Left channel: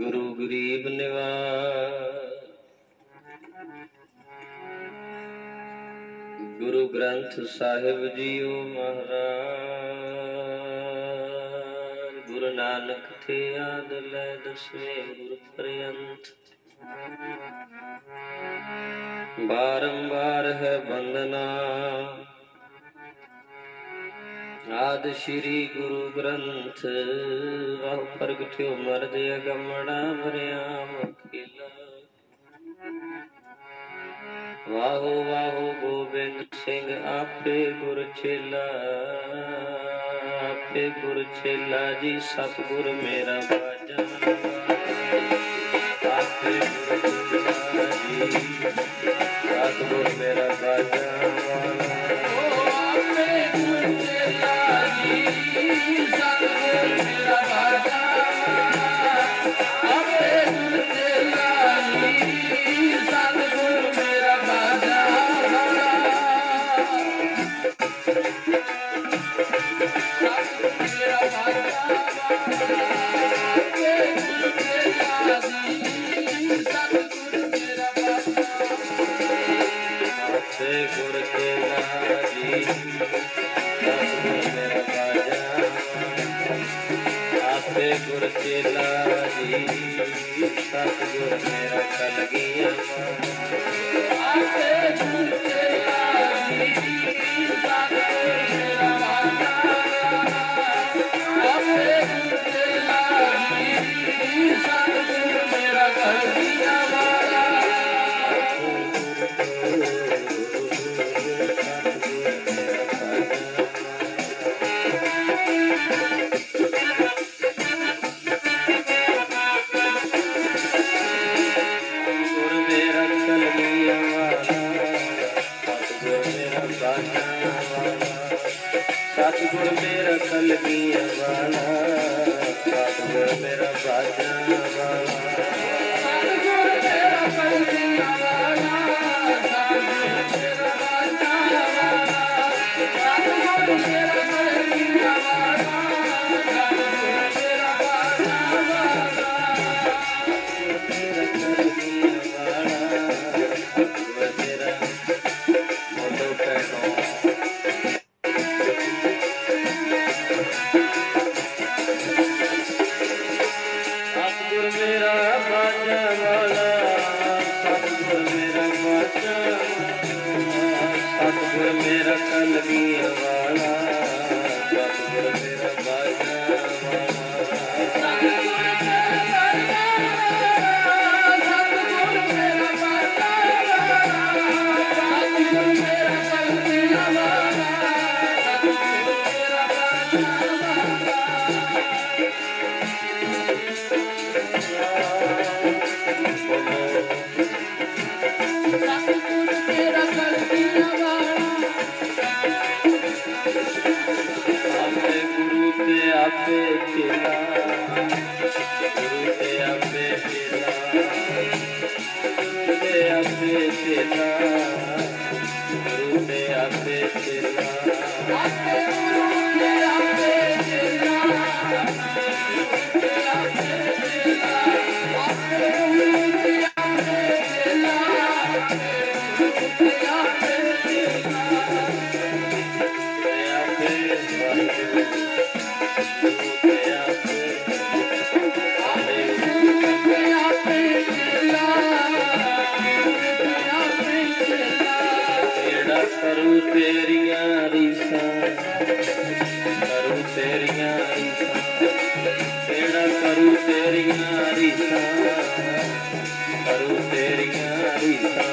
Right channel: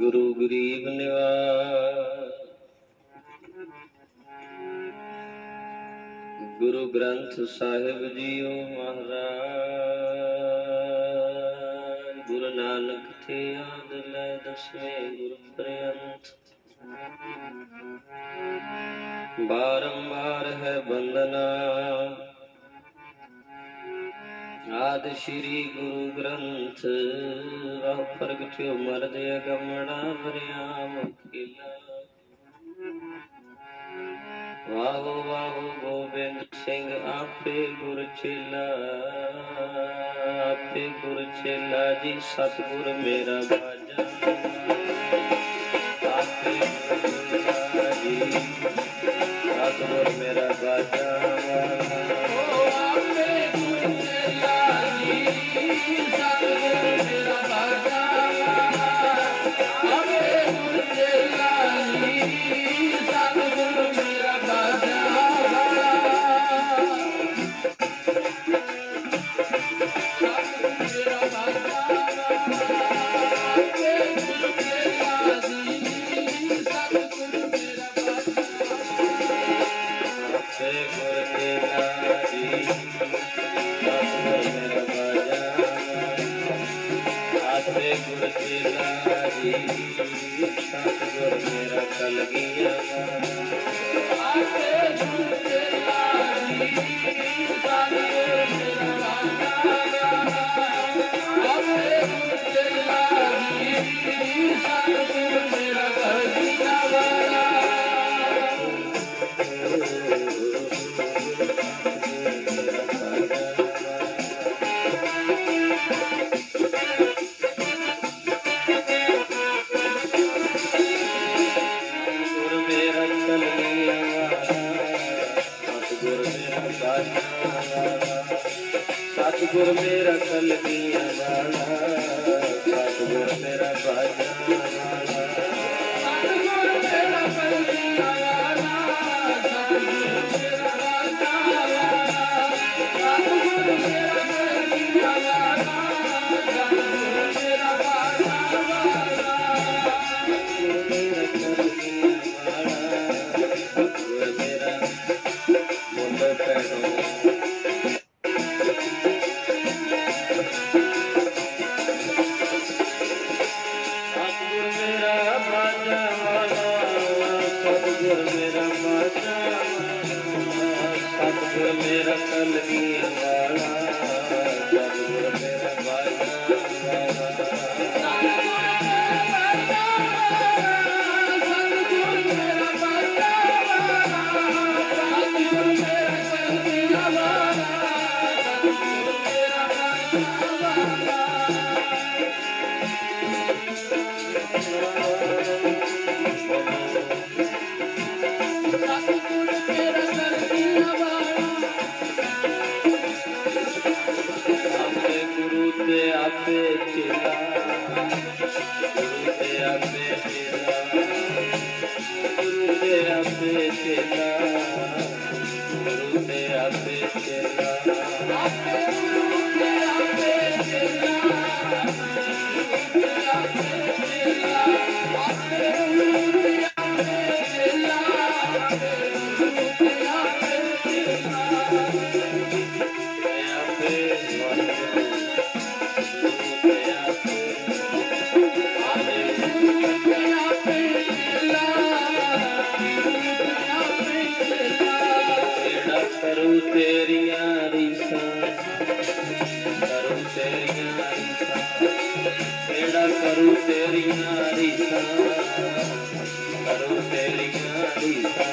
गुरु गरीब निवाज गुरु ग्रंथ साहिब जीओ महाराज गुरु नानक थे आद लै दसवें गुरु पर्यंत बारंबार है बंदना आद श्री गुरु ग्रंथ वह प्रगट्यो मरद अगमड़ा वरियाम अकेला वाहो वाहो गोबिंद सिंह आपे गुर चेला आपे गुर चेला जी सतगुर मेरा बाजा आपे गुर चेला जी सतगुर मेरा बाजा सतगुर मेरा कलगिया सतगुर मेरा कलगिया वाला सतगुर मेरा बाजा वाला मेरा कलगिया वाला सतगुर मेरा बाजा करूं तेरियां रीसां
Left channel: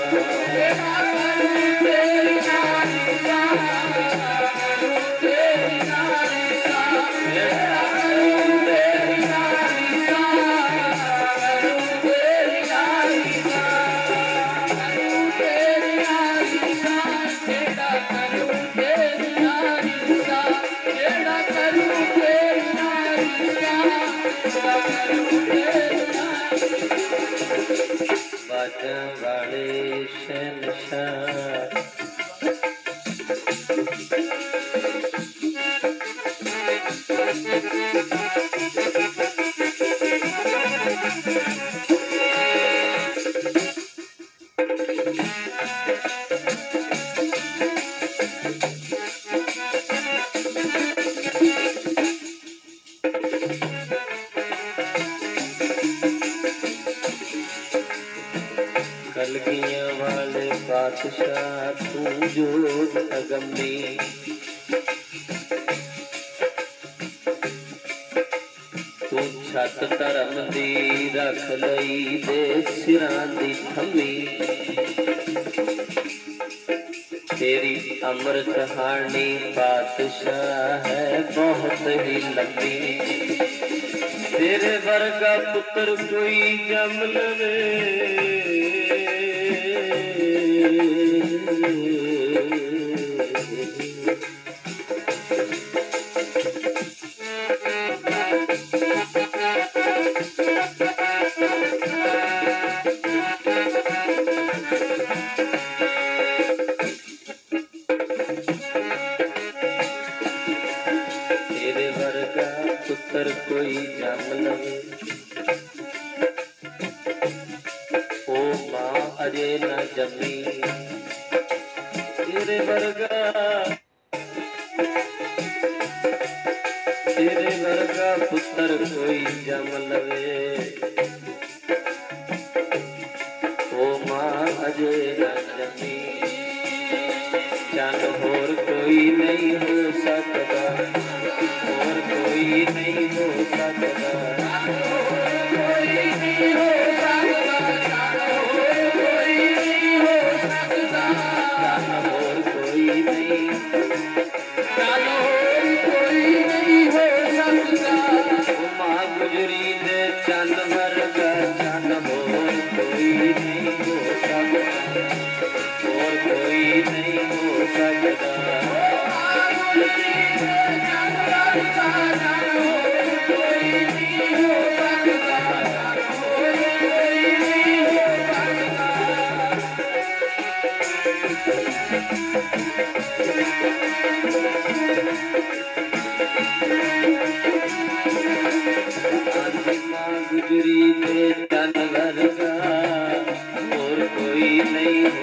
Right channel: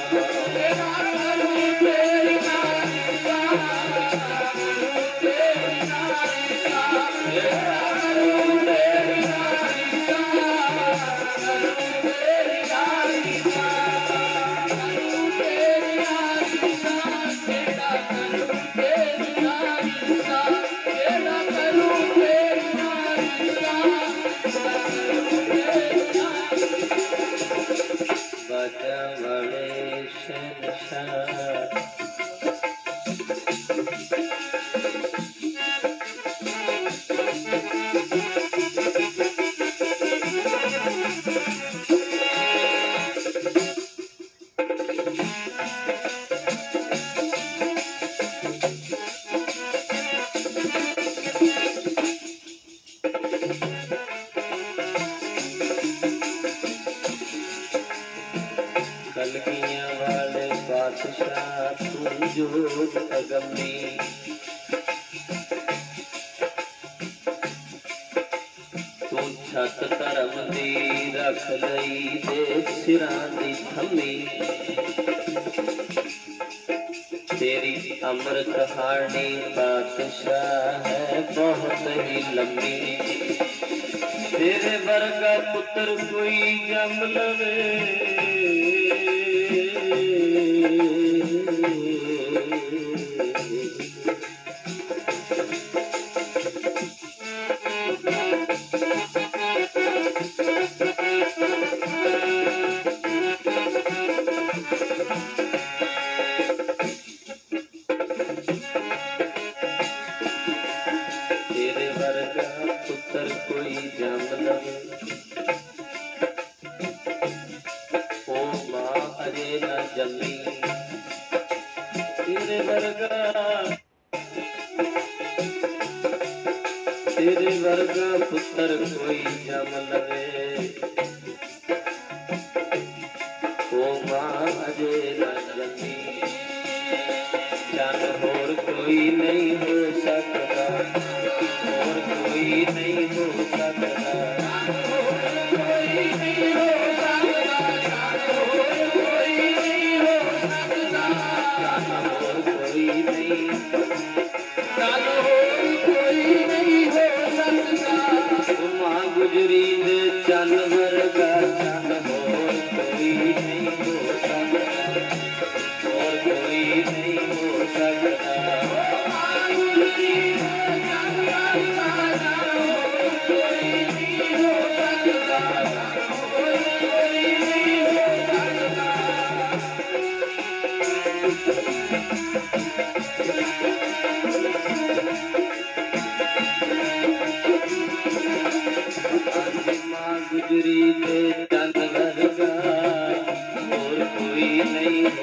बाजा वाले शहंशाह कलगियां वाले बादशाह तू जोग अगमी तू छत धर्म दी रख लई दे सिरां दी थमी तेरी अमर कहानी बादशाह है बहुत ही लंबी तेरे वर्गा पुत्र कोई जम लवे तेरे वर्गा पुत्र कोई जम लवे ओ मां अजे न जमी तेरे वर्गा पुत्र कोई जम लवे ओ मां अजे न जमी चल होर कोई नहीं हो सकता और कोई नहीं हो सकता कोई नहीं हो सकता कोई नहीं हो सकता और कोई नहीं हो सकता मां गुजरी दे चन वर्गा चन होर कोई नहीं हो सकता और कोई नहीं हो सकता गुजरी दे चन वर्गा और कोई नहीं हो सकता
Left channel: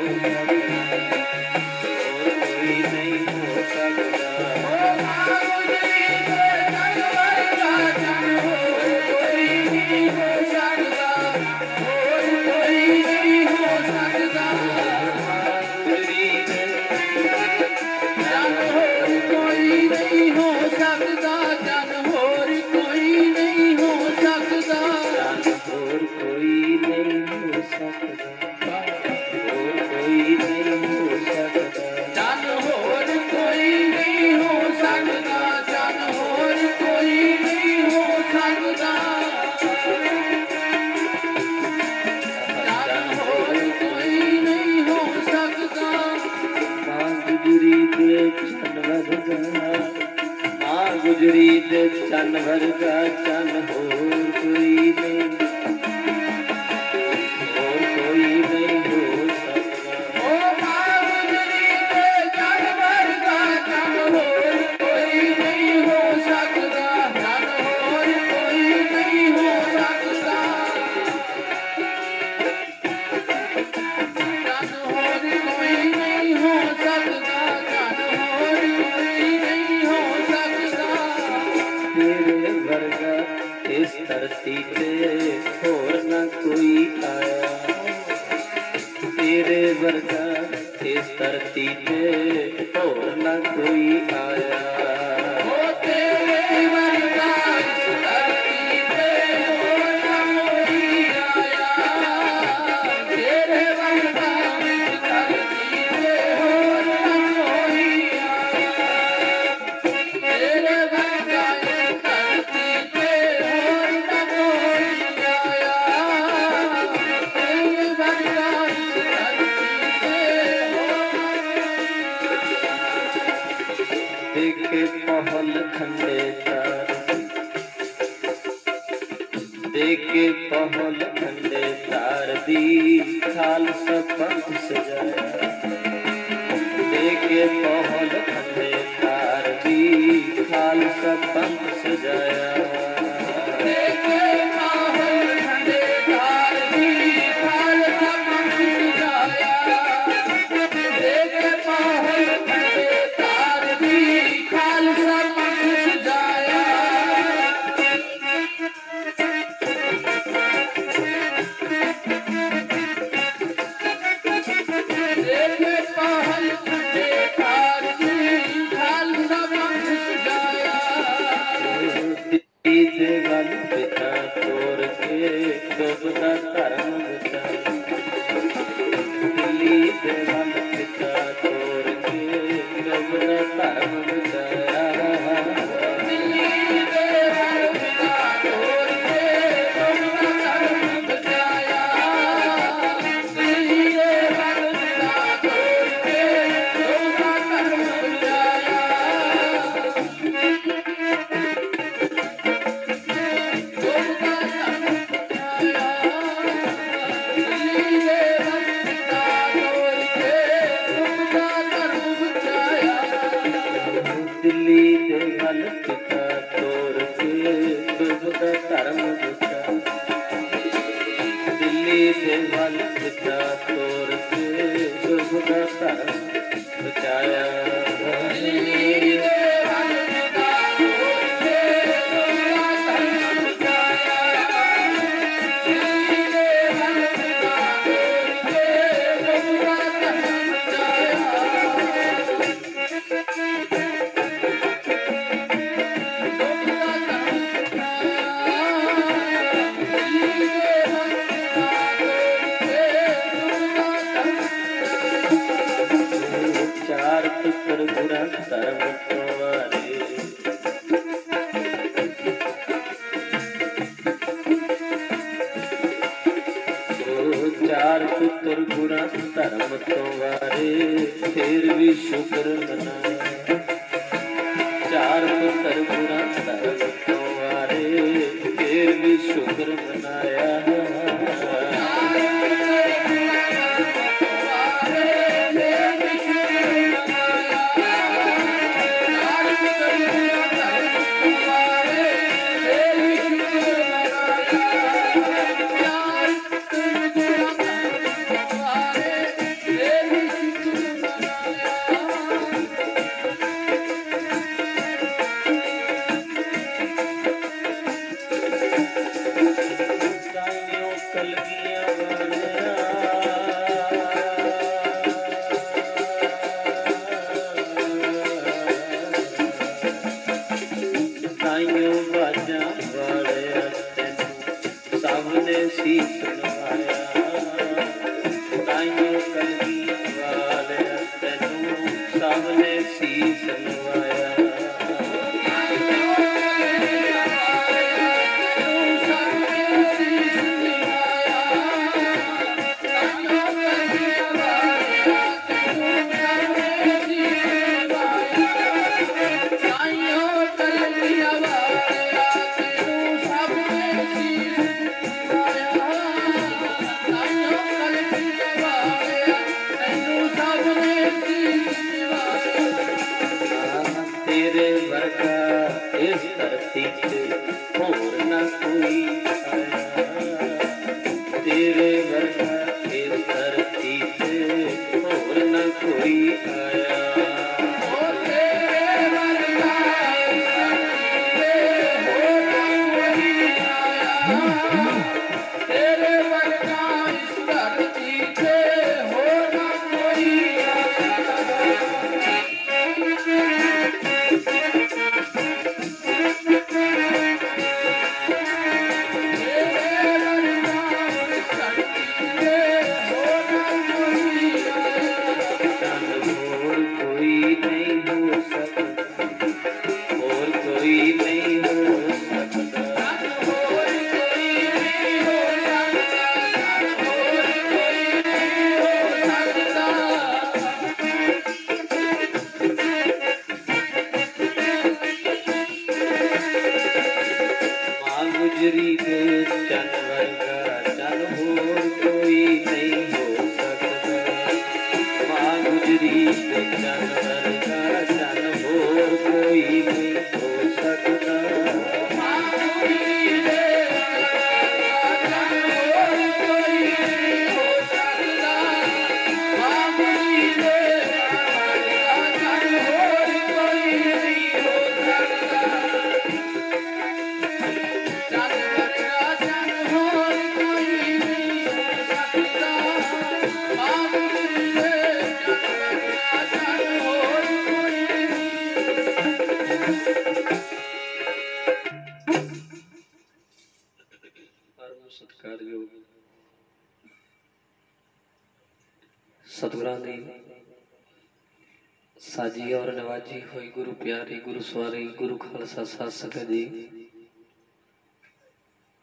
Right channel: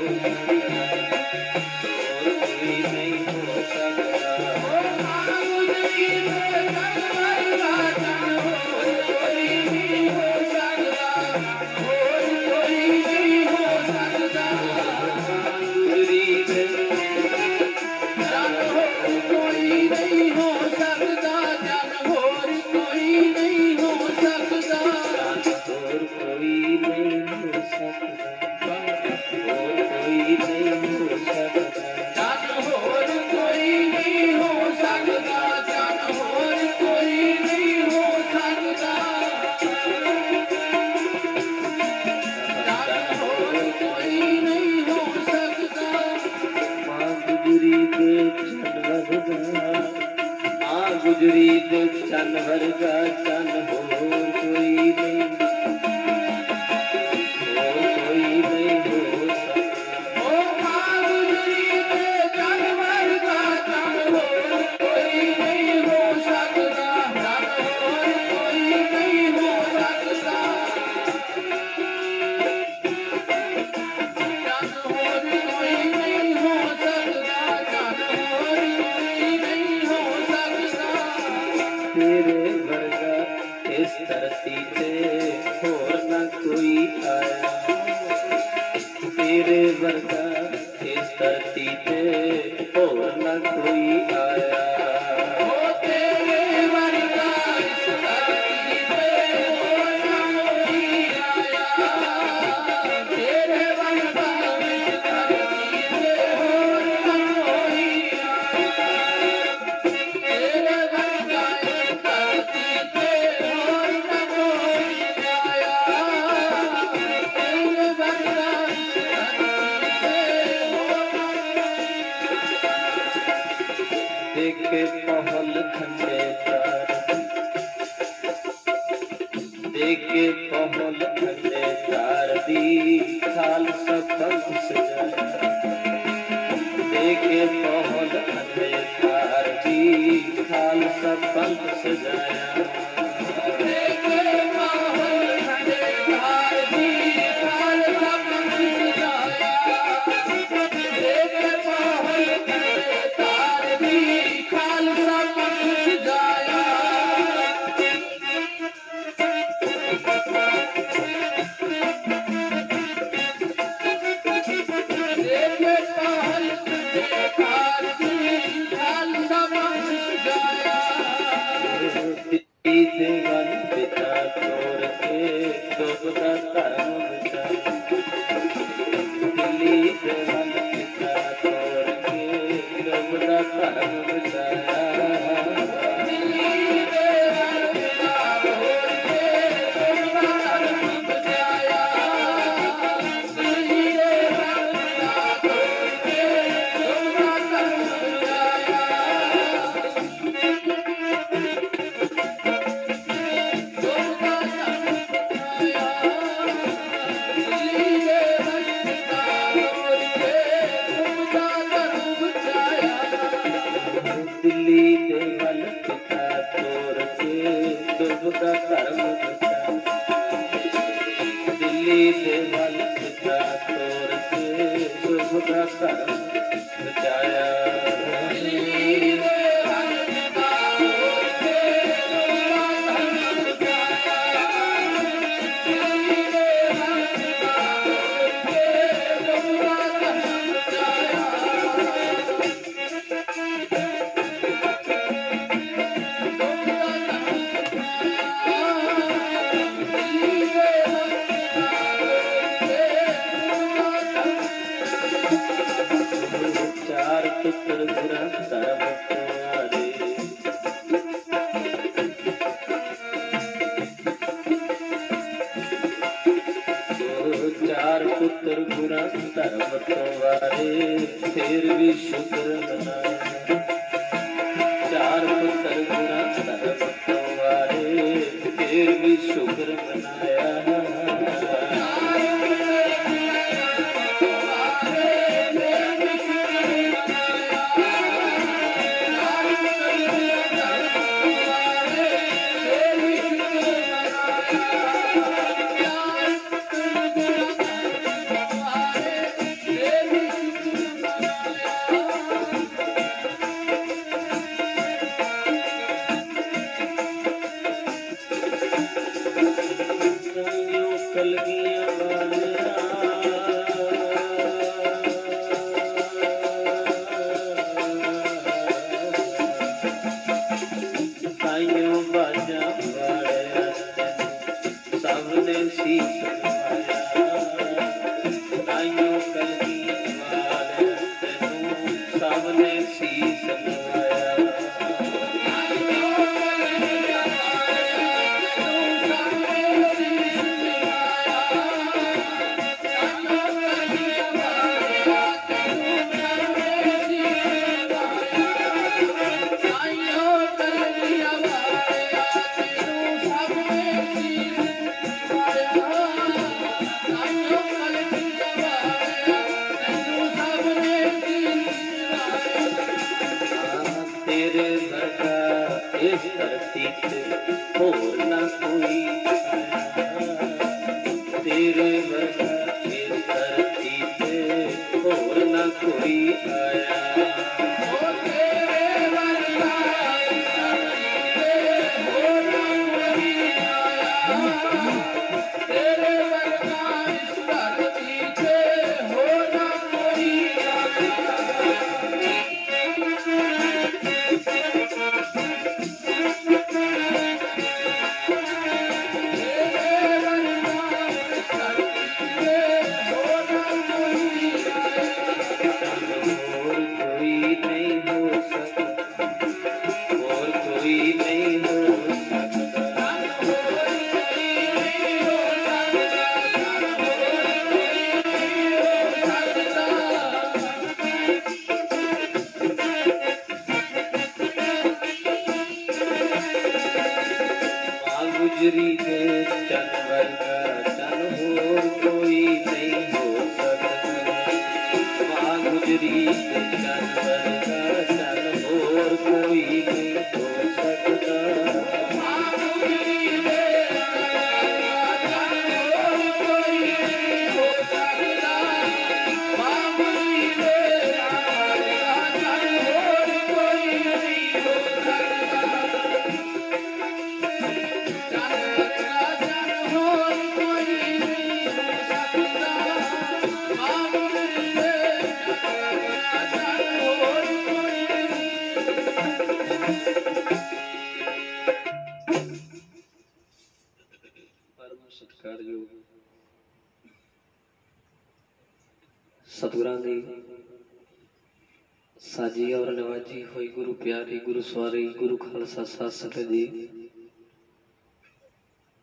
और कोई नहीं हो गुजरी दे चन वर्गा चन होर कोई नहीं हो सकता ओ मां गुजरी दे चन वर्गा चन होर कोई नहीं हो सकता चन होर कोई नहीं हो सकता चन होर कोई नहीं हो सकता चन होर कोई नहीं हो सकता तेरे वर्गा इस धरती पे होर न कोई आया तेरे वर्गा इस धरती पे होर न कोई आया तेरे वर्गा इस धरती पे होर न कोई आया खालसा पंथ सजाया देखे पहल खंडे तार दी खालसा पंथ सजाया देखे पहल खंडे तार दी खालसा पंथ सजाया देखे पहल खंडे तार दी खालसा पंथ सजाया देवन पिता तोर के डूबता धर्म बचाया दिल्ली देवन पिता तोर के डूबता धर्म बचाया दिल्ली देवन पिता तोर के डूबता धर्म बचाया दिल्ली देवन पिता तोर के डूबता धर्म बचाया दिल्ली देवन पिता तोर के डूबता धर्म बचाया दिल्ली देवन पिता तोर के डूबता धर्म बचाया दिल्ली देवन पिता तोर के डूबता धर्म बचाया दिल्ली देवन पिता तोर के डूबता धर्म चार पुत्र बुरा धर्म तुम्हारे चार पुत्र बुरा धर्म तुम्हारे फिर भी शुक्र मनाया चार पुत्र बुरा धर्म तुम्हारे फिर भी शुक्र मनाया सतगुरां दी साजी और नवाजी हुई गुरु प्यारी गुरु सवारी गुरु खालसा साध संगत जी,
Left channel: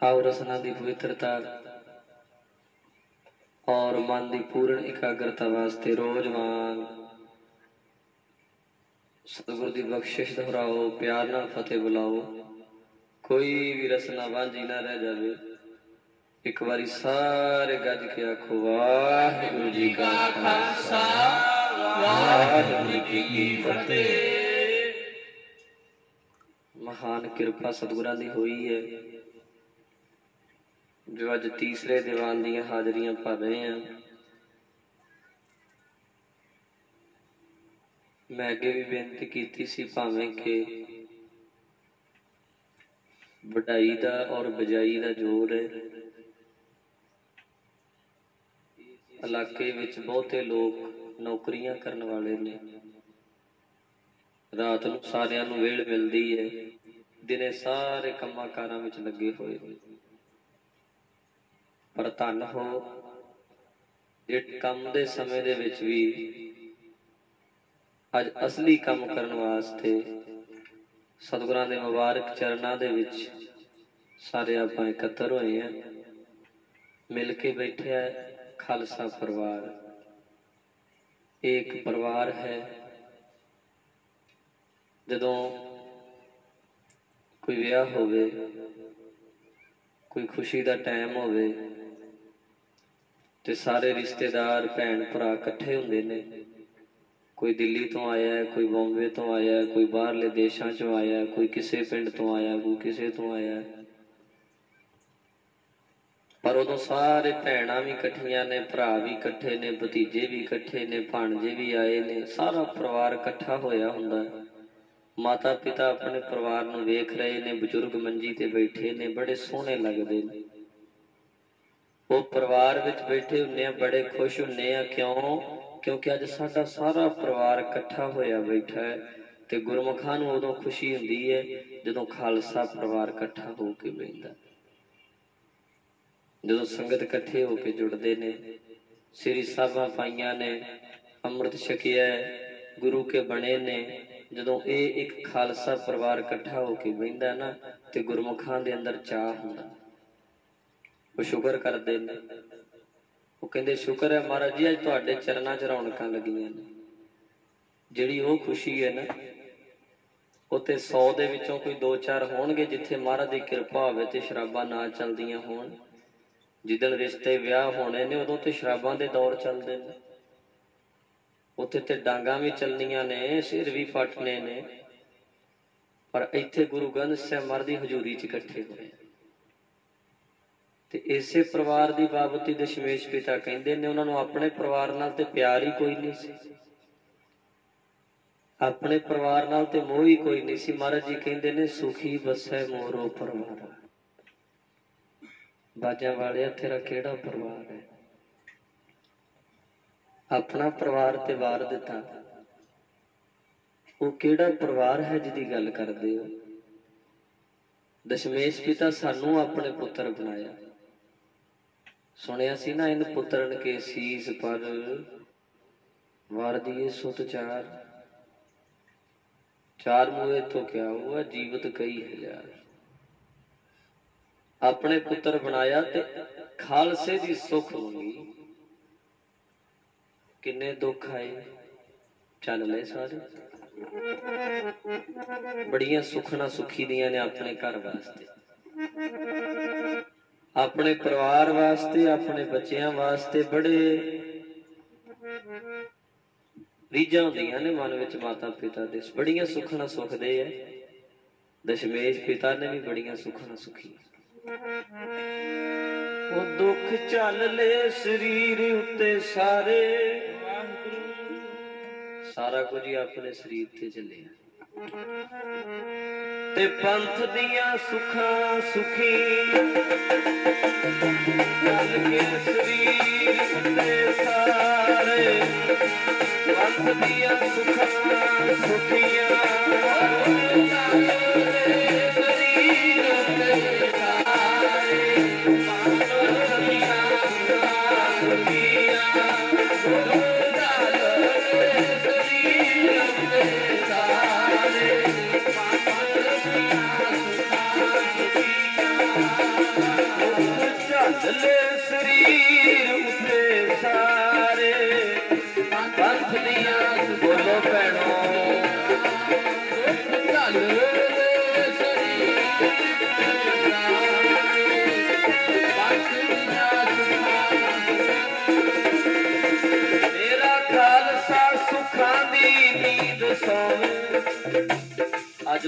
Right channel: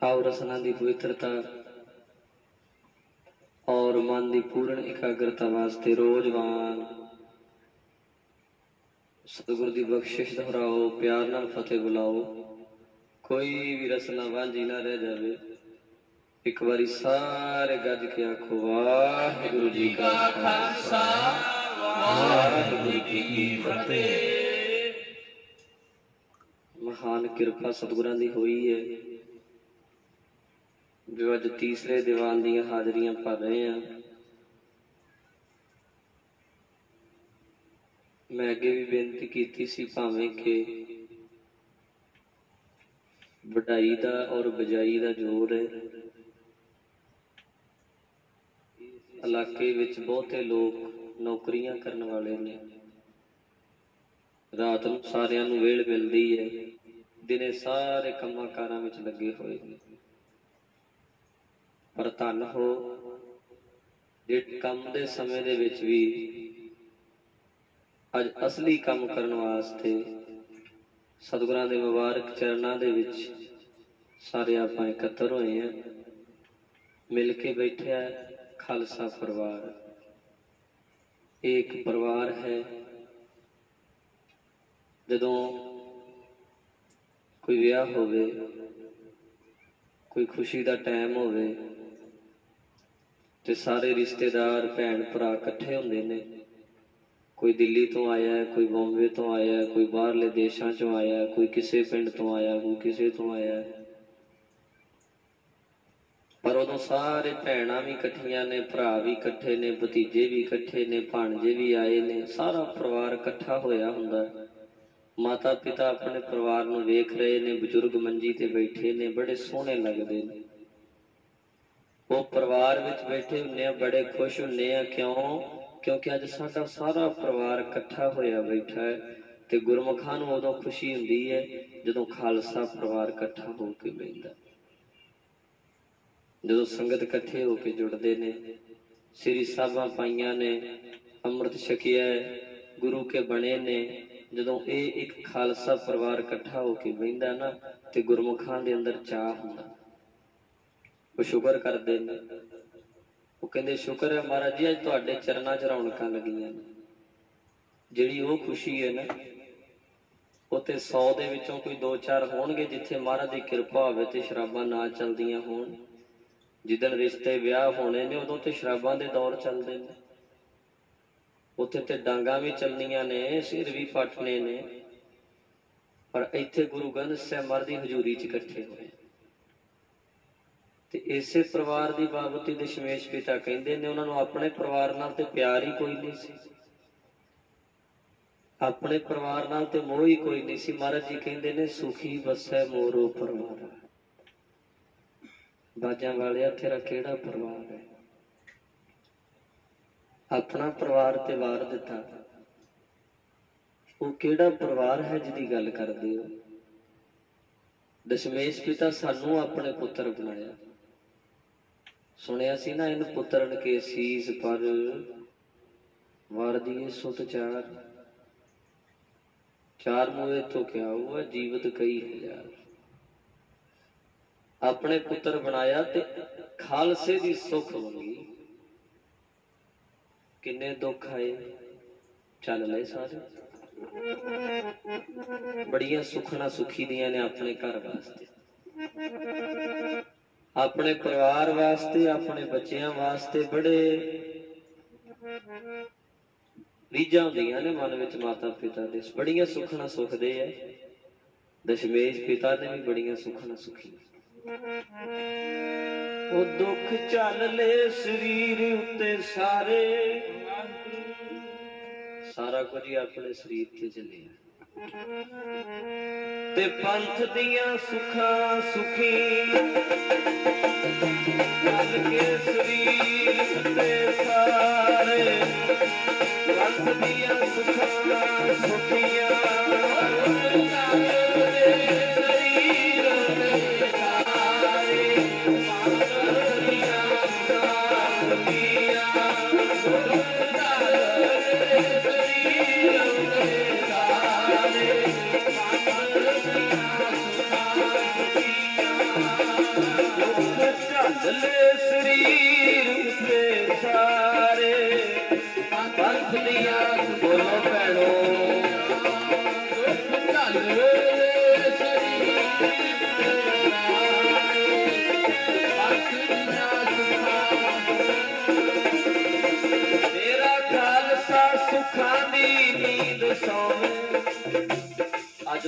आओ रसना की पवित्रता और मन की पूर्ण एकाग्रता वास्ते रोजवान सतगुरु की बख्शिश दोहराओ, प्यार नाल फतेह बुलाओ। कोई भी रसना वांझी ना रह जाए। एक बारी सारे गज के आखो वाहिगुरू जी का खालसा वाहिगुरू जी की फतेह। महान कृपा सतगुरां दी हुई है जो अज तीसरे दीवान दियां हाजरियां भर रहे हैं। मैं अगे भी बेनती की सी भावें कि वडाई दा और बजाई दा जोर है। इलाके विच बहुते लोग नौकरियां करने वाले ने, रात नूं सारियां नूं वेल मिलदी है, दिने सारे कम्मां कारां विच लगे हुए ने। पर धन हो जे काम दे समय दे विच भी अज असली काम करने वास्ते सतगुरां दे मुबारक चरनां दे विच सारे आपां इकत्तर होए हैं। मिल के बैठे है खालसा परिवार। एक परिवार है। जदों कोई विआह होवे, कोई खुशी का टाइम होवे ते सारे रिश्तेदार भैन भरा इकट्ठे हुंदे ने। कोई दिल्ली तो आया है, कोई बॉम्बे तो आया है, कोई बाहरले देशों चों आया है, कोई किसी पिंड तो आया, कोई किसी तो आया है। पर उदों सारे भैणां भी इकट्ठियां ने, भरा भी इकट्ठे ने, भतीजे भी इकट्ठे ने, भाणजे भी आए ने, सारा परिवार इकट्ठा होया हुंदा है। माता पिता अपने परिवार नूं वेख रहे ने, बजुर्ग मंजी ते बैठे ने, बड़े सोहने लगदे ने। वो परिवार विच बैठे हुंदे, बड़े खुश हुंदे आ। क्यों? क्योंकि अज साडा सारा परिवार इकट्ठा होया बैठा है। ते गुरमुखां नूं उदों खुशी हुंदी है जदों खालसा परिवार इकट्ठा हो के बैठदा, जदों संगत इकट्ठे होके जुड़दे ने, श्री साहिबां पाईयां ने, अमृत छकिया है, गुरु के बने ने। जदों ये एक खालसा परिवार इकट्ठा होके बैठदा ना ते गुरमुखां दे अंदर चाह हुंदा। वो शुकर करदे ने, वो कहंदे शुकर है महाराज जी अज तुहाडे चरनां च रौनकां लगियां ने। जिहड़ी वो खुशी है ना, उत्ते 100 दे विचों कोई 2-4 होणगे जिथे महाराज दी कृपा होवे ते शराबां ना चलदियां होण। जिदन रिश्ते विआह होने ने उदों ते शराबां दे दौर चलदे ने, उत्थे ते डांगां भी चलनियां ने, सिर भी पटने ने। पर इत्थे गुरु ग्रंथ साहिब महाराज दी हजूरी च इकट्ठे होए ते इसे परिवार की बाबती दशमेश पिता कहते ने उन्होंने अपने परिवार नाल ते प्यार ही कोई नहीं सी, अपने परिवार नाल ते मोह ही कोई नहीं सी। महाराज जी कहते ने सुखी बसै मोरो परिवार। बाजा वाले तेरा केड़ा परिवार है? अपना परिवार ते वार दिता, वो केड़ा परिवार है जिहदी गल करदे हो? दशमेश पिता सानू अपने पुत्र बनाया। सुनिया सी ना, इन पुत्रन के सीस पर वार दिए सुत चार, चार मुए तो क्या हुआ जीवत कई हजार। अपने पुत्र बनाया ते खालसे दी सुख मंगी। किन्ने दुख आए चल ले सारे, बड़िया सुखना सुखी दियां ने अपने घर वास्ते, अपने परिवार वास्ते, अपने बच्चों वास्ते बड़े रीझां हुंदियां ने मन विच माता पिता दे, बड़िया सुखना सुखदे है। दशमेश पिता ने भी बड़िया सुखना सुखी। वो दुख चल ले शरीर उत्ते सारे, सारा कुछ ही अपने शरीर ते चलिया ते पंथ दियां सुखां सुखी चल के शरीर उत्ते सारे, पंथ दियां सुखां सुखियां शरीर उत्ते सारे, पंथ दियां सुखां सुखियां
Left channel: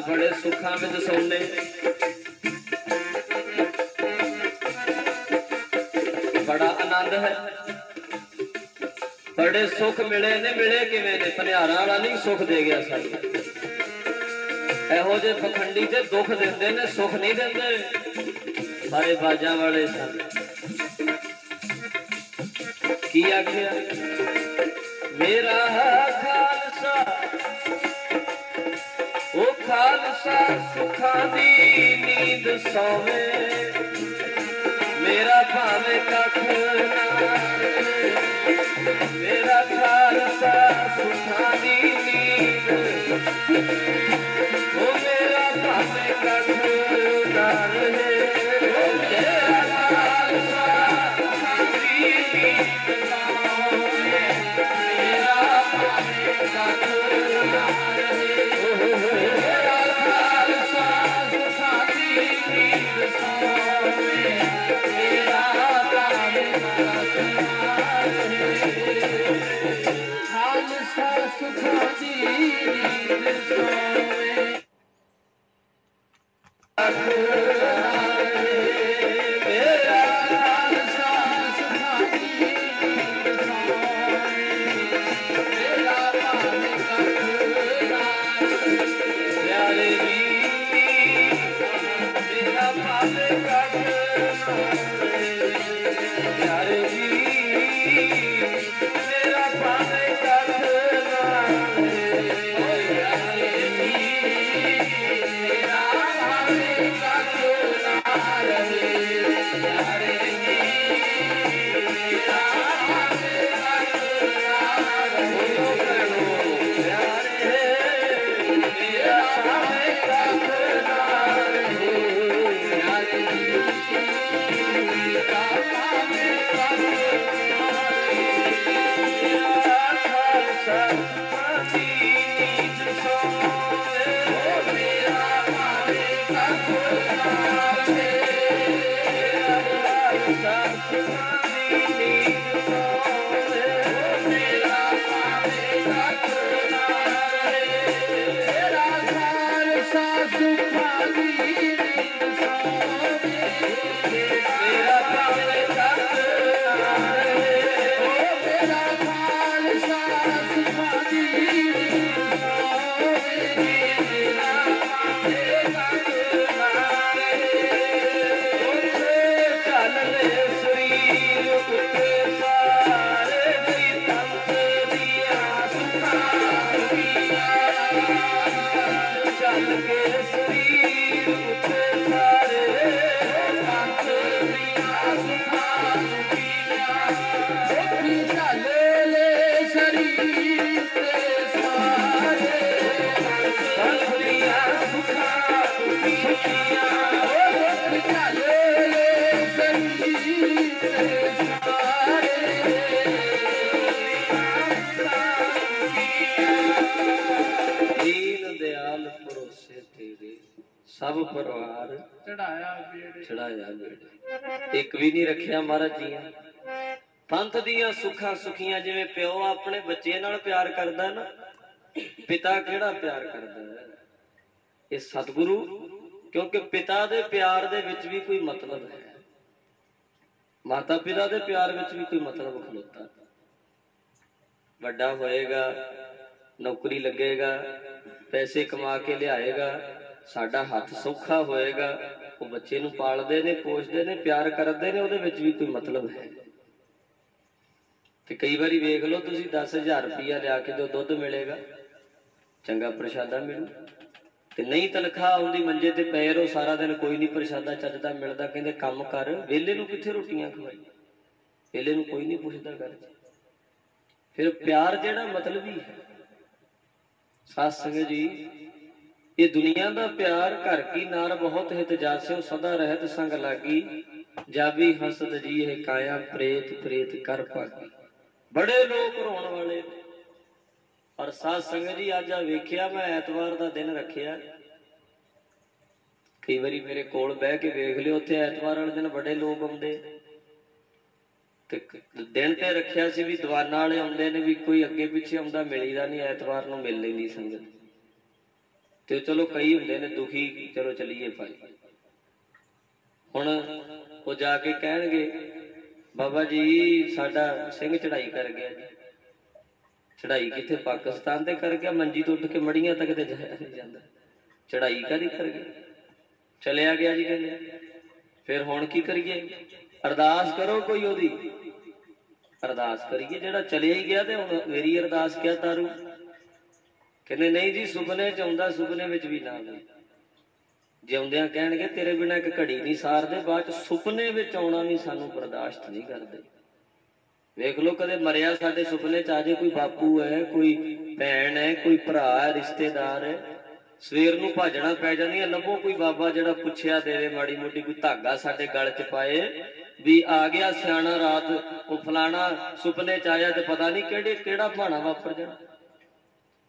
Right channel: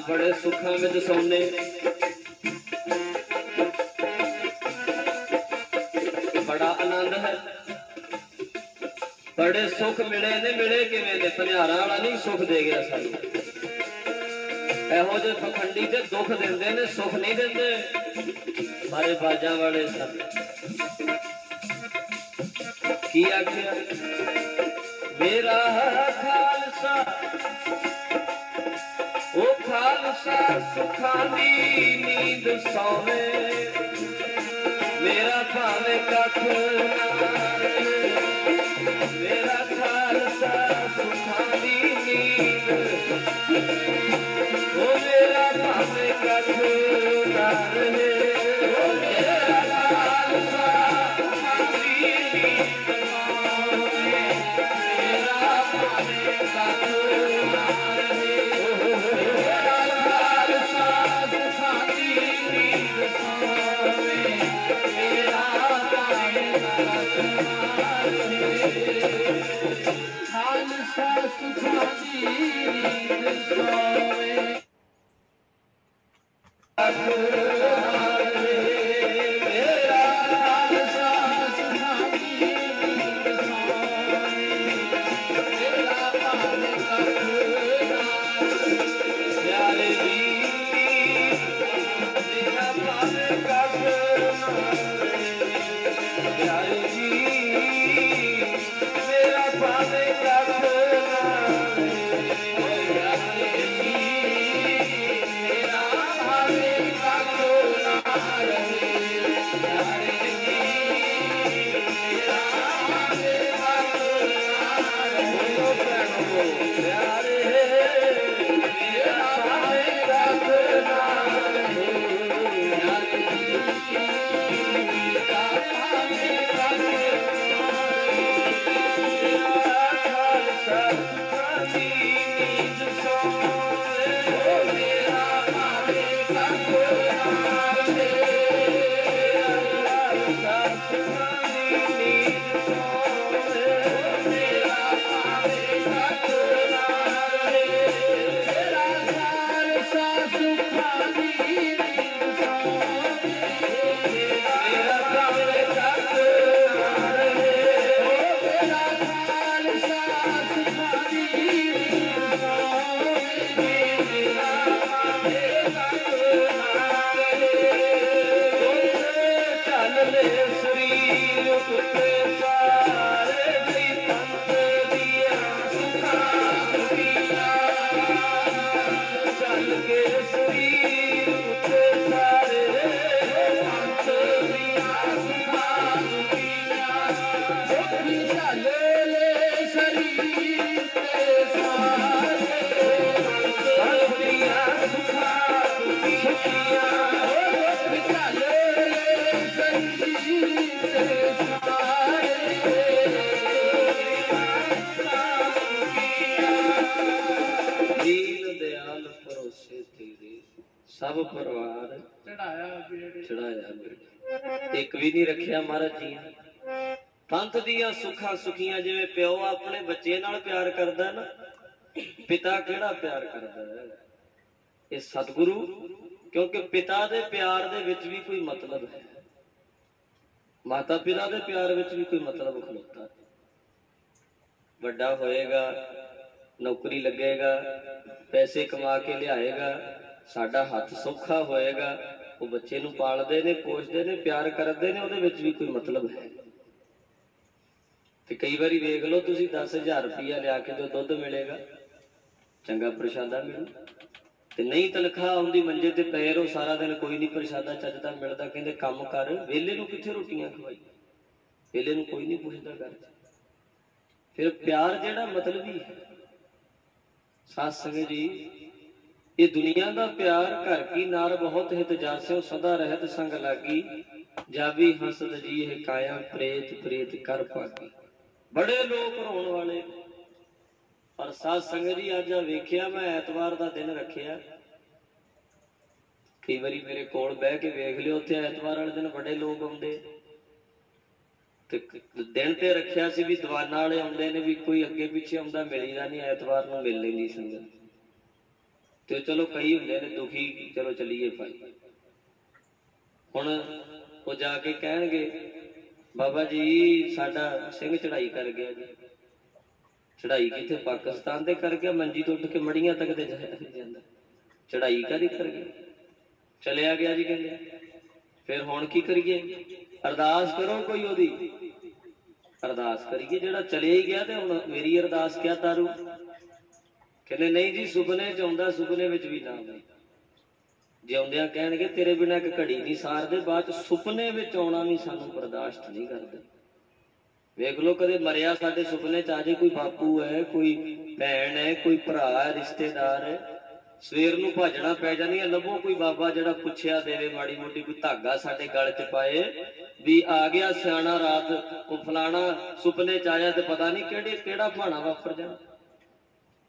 बड़े सुखा में सोने बड़ा आनंद है बड़े सुख मिले ने मिले किवें ने भनिहारा वाला नहीं सुख दे गया सानू ਇਹੋ ਜਿਹੇ ਪਖੰਡੀ ਤੇ ਦੁੱਖ ਦਿੰਦੇ ਨੇ ਸੁਖ नहीं ਦਿੰਦੇ मारे बाजा वाले सन की आखिया मेरा खालसा ओ खालसा सुखा दी नींद सोवे मेरा भावे कख मेरा खालसा सुखा दी नींद ओ मेरा भावे कख ना रहे सब परिवार चढ़ाया एक भी नहीं रखिया महाराज जी पंथ दियां सुखा सुखियां जिवें प्यो अपने बच्चे नाल प्यार करदा ना पिता केड़ा प्यार करदा है ये सतगुरु क्योंकि पिता दे प्यार दे विच भी कोई मतलब है माता पिता दे प्यार विच भी कोई मतलब खलोता वड्डा होएगा नौकरी लगेगा पैसे कमा के लियाएगा साडा हाथ सौखा होएगा वो बच्चे नूं पालदे ने पोषदे ने प्यार करदे ने उहदे विच भी कोई मतलब है ते कई बारी वेख लो तुसीं 10,000 रुपया लिया के जो दुध मिलेगा चंगा प्रशादा मिलू ते नहीं तनख्वाह आउंदी मंजे ते पए रहो सारा दिन कोई नहीं प्रशादा चजदा मिलदा कहंदे काम कर वेले नूं कित्थे रोटियां खवाई वेले नूं कोई नहीं पुछदा घर फिर प्यार जेड़ा मतलबी है साथ संगत जी ये दुनिया का प्यार घर की नार बहुत हित जास्यो सदा रहत संग लागी जावी हसद जी है काया प्रेत प्रेत कर पागी बड़े लोग रोण वाले पर साध संगत जी अज वेख्या मैं ऐतवार का दिन रखिया कई बारी मेरे कोल बह के वेख लियो उत्थे ऐतवार वाले दिन बड़े लोग आउंदे दिन ते रखिया सी भी दीवाना वाले आउंदे ने भी कोई अगे पिछे आउंदा मिलीदा नहीं ऐतवार नूं मिल लैंदी संगत ਤੇ ਚਲੋ ਕਈ ਹੁੰਦੇ ਨੇ ਦੁਖੀ, ਚਲੋ ਚਲੀਏ ਭਾਈ। ਹੁਣ ਉਹ ਜਾ ਕੇ ਕਹਿਣਗੇ ਬਾਬਾ ਜੀ ਸਾਡਾ ਸਿੰਘ ਚੜਾਈ ਕਰ ਗਿਆ ਜੀ। ਚੜਾਈ ਕਿੱਥੇ? ਪਾਕਿਸਤਾਨ ਤੇ ਕਰ ਗਿਆ, ਮੰਜੀ ਤੋਂ ਉੱਠ ਕੇ ਮੜੀਆਂ ਤੱਕ ਤੇ ਜਾਇਆ ਨਹੀਂ ਜਾਂਦਾ। ਚੜਾਈ ਕਾਹਦੀ ਕਰ ਗਿਆ? ਚਲਿਆ ਗਿਆ ਜੀ ਕਹਿੰਦੇ। ਫਿਰ ਹੁਣ ਕੀ ਕਰੀਏ? ਅਰਦਾਸ ਕਰੋ ਕੋਈ ਉਹਦੀ, ਅਰਦਾਸ ਕਰੀਏ। ਜਿਹੜਾ ਚਲਿਆ ਹੀ ਗਿਆ ਤੇ ਹੁਣ ਮੇਰੀ ਅਰਦਾਸ ਕਿਆ ਤਾਰੂ? ਕਹਿੰਦੇ ਨਹੀਂ ਜੀ ਸੁਪਨੇ ਚ ਆਉਂਦਾ, ਸੁਪਨੇ ਵਿੱਚ ਵੀ ਨਾ ਆਵੇ। ਜਿਉਂਦਿਆਂ ਕਹਿਣਗੇ ਤੇਰੇ ਬਿਨਾਂ ਇੱਕ ਘੜੀ ਨਹੀਂ ਸਾਰਦੇ, ਬਾਅਦ ਚ ਸੁਪਨੇ ਵਿੱਚ ਆਉਣਾ ਵੀ ਸਾਨੂੰ ਬਰਦਾਸ਼ਤ ਨਹੀਂ ਕਰਦੇ। ਵੇਖ ਲੋ ਕਦੇ ਮਰਿਆ ਸਾਡੇ ਸੁਪਨੇ ਚ ਆ ਜੇ, ਕੋਈ ਬਾਪੂ ਹੈ, ਕੋਈ ਭੈਣ ਹੈ, ਕੋਈ ਭਰਾ ਹੈ, ਰਿਸ਼ਤੇਦਾਰ ਹੈ, ਸਵੇਰ ਨੂੰ ਭਾਜਣਾ ਪੈ ਜਾਂਦੀਆਂ। ਲੱਭੋ ਕੋਈ ਬਾਬਾ ਜਿਹੜਾ ਪੁੱਛਿਆ ਦੇਵੇ, ਮਾੜੀ ਮੋਟੀ ਕੋਈ ਧਾਗਾ ਸਾਡੇ ਗਲ ਚ ਪਾਏ ਵੀ ਆ ਗਿਆ ਸਿਆਣਾ ਰਾਤ ਉਹ ਫਲਾਣਾ ਸੁਪਨੇ ਚ ਆਇਆ ਤੇ ਪਤਾ ਨਹੀਂ ਕਿਹੜਾ ਭਾਣਾ ਵਾਪਰ ਜਾਣਾ।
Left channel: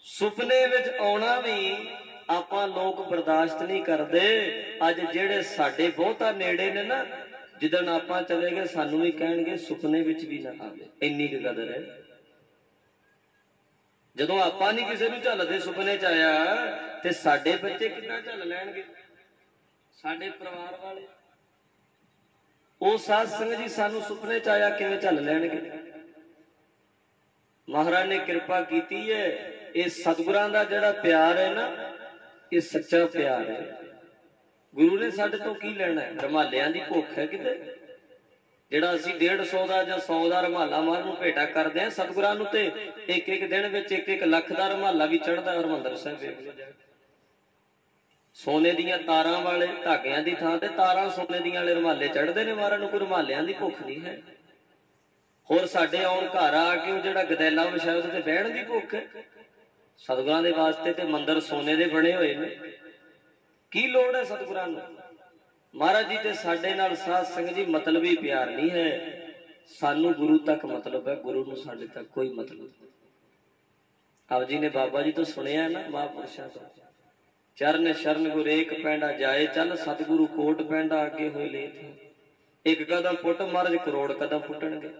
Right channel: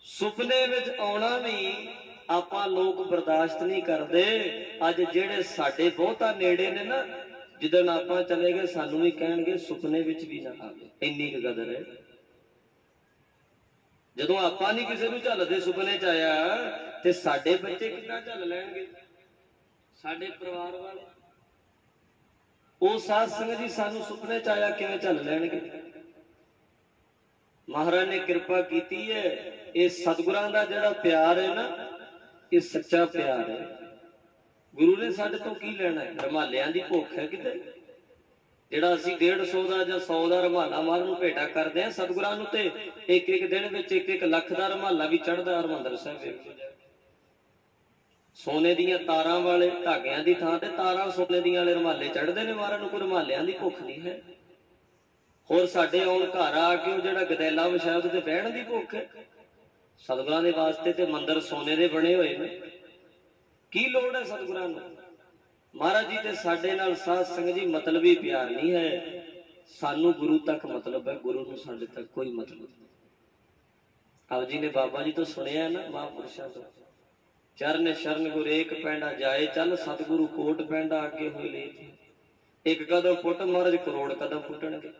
ਸੁਪਨੇ ਵਿੱਚ ਆਉਣਾ ਵੀ ਆਪਾਂ ਲੋਕ ਬਰਦਾਸ਼ਤ ਨਹੀਂ ਕਰਦੇ। ਅੱਜ ਜਿਹੜੇ ਸਾਡੇ ਬਹੁਤਾ ਨੇੜੇ ਨੇ ਨਾ, ਜਿੱਦਣ ਆਪਾਂ ਚਲੇ ਗਏ ਸਾਨੂੰ ਵੀ ਕਹਿਣਗੇ ਸੁਪਨੇ ਵਿੱਚ ਵੀ ਨਾ ਆਵੇ। ਇੰਨੀ ਕੁ ਕਦਰ ਹੈ। ਜਦੋਂ ਆਪਾਂ ਨਹੀਂ ਕਿਸੇ ਨੂੰ ਝੱਲਦੇ ਸੁਪਨੇ ਚ ਆਇਆ ਤੇ ਸਾਡੇ ਬੱਚੇ ਕਿੱਦਾਂ ਝੱਲ ਲੈਣਗੇ? ਸਾਡੇ ਪਰਿਵਾਰ ਵਾਲੇ ਉਹ ਸਾਧ ਸੰਗਤ ਜੀ ਸਾਨੂੰ ਸੁਪਨੇ ਚ ਆਇਆ ਕਿਵੇਂ ਝੱਲ ਲੈਣਗੇ? ਮਹਾਰਾਜ ਨੇ ਕਿਰਪਾ ਕੀਤੀ ਹੈ। ਇਹ ਸਤਿਗੁਰਾਂ ਦਾ ਜਿਹੜਾ ਪਿਆਰ ਹੈ ਨਾ, ਇਹ ਸੱਚਾ ਪਿਆਰ ਹੈ। ਗੁਰੂ ਨੇ ਸਾਡੇ ਤੋਂ ਕੀ ਲੈਣਾ ਹੈ? ਰੁਮਾਲਿਆਂ ਦੀ ਭੁੱਖ ਹੈ ਕਿਤੇ? ਜਿਹੜਾ ਅਸੀਂ 150 ਦਾ ਜਾਂ 100 ਦਾ ਰੁਮਾਲਾ ਮਾਰਨ ਨੂੰ ਭੇਟਾ ਕਰਦੇ ਆ, ਸਤਿਗੁਰਾਂ ਨੂੰ ਤੇ ਇੱਕ ਇੱਕ ਦਿਨ ਵਿੱਚ 1-1 ਲੱਖ ਦਾ ਰੁਮਾਲਾ ਵੀ ਚੜ੍ਹਦਾ। ਹਰਿਮੰਦਰ ਸਾਹਿਬ ਵੇਖ ਲਓ, ਸੋਨੇ ਦੀਆਂ ਤਾਰਾਂ ਵਾਲੇ ਧਾਗਿਆਂ ਦੀ ਥਾਂ ਤੇ ਤਾਰਾਂ ਸੋਨੇ ਦੀਆਂ ਵਾਲੇ ਰੁਮਾਲੇ ਚੜ੍ਹਦੇ ਨੇ। ਮਹਾਰਾਜ ਨੂੰ ਕੋਈ ਰੁਮਾਲਿਆਂ ਦੀ ਭੁੱਖ ਨਹੀਂ ਹੈ। ਹੋਰ ਸਾਡੇ ਆਉਣ ਘਰ ਆ ਕੇ ਉਹ ਜਿਹੜਾ ਗਦੈਲਾ ਵਿਛਾਇਆ ਉਹਦੇ ਤੇ ਬਹਿਣ ਦੀ ਭੁੱਖ ਹੈ। ਸਤਿਗੁਰਾਂ ਦੇ ਵਾਸਤੇ ਤੇ ਮੰਦਿਰ ਸੋਨੇ ਦੇ ਬਣੇ ਹੋਏ ਨੇ, ਕੀ ਲੋੜ ਹੈ ਸਤਿਗੁਰਾਂ ਨੂੰ? ਮਹਾਰਾਜ ਜੀ ਤੇ ਸਾਡੇ ਨਾਲ ਸਾਧ ਸੰਗਤ ਜੀ ਮਤਲਬੀ ਪਿਆਰ ਨਹੀਂ ਹੈ। ਸਾਨੂੰ ਗੁਰੂ ਤੱਕ ਮਤਲਬ ਹੈ, ਗੁਰੂ ਨੂੰ ਸਾਡੇ ਤੱਕ ਕੋਈ ਮਤਲਬ ਨਹੀਂ। ਆਪ ਜੀ ਨੇ ਬਾਬਾ ਜੀ ਤੋਂ ਸੁਣਿਆ ਨਾ, ਮਹਾਂਪੁਰਸ਼ਾਂ ਤੋਂ, ਚਰਨ ਸ਼ਰਨ ਗੁਰ ਏਕ ਪੈਂਡਾ ਜਾਏ ਚੱਲ, ਸਤਿਗੁਰੂ ਕੋਟ ਪੈਂਡਾ ਅੱਗੇ ਹੋਏ ਲੇਤ। ਇੱਕ ਕਦਮ ਪੁੱਟ ਮਹਾਰਾਜ ਕਰੋੜ ਕਦਮ ਪੁੱਟਣਗੇ।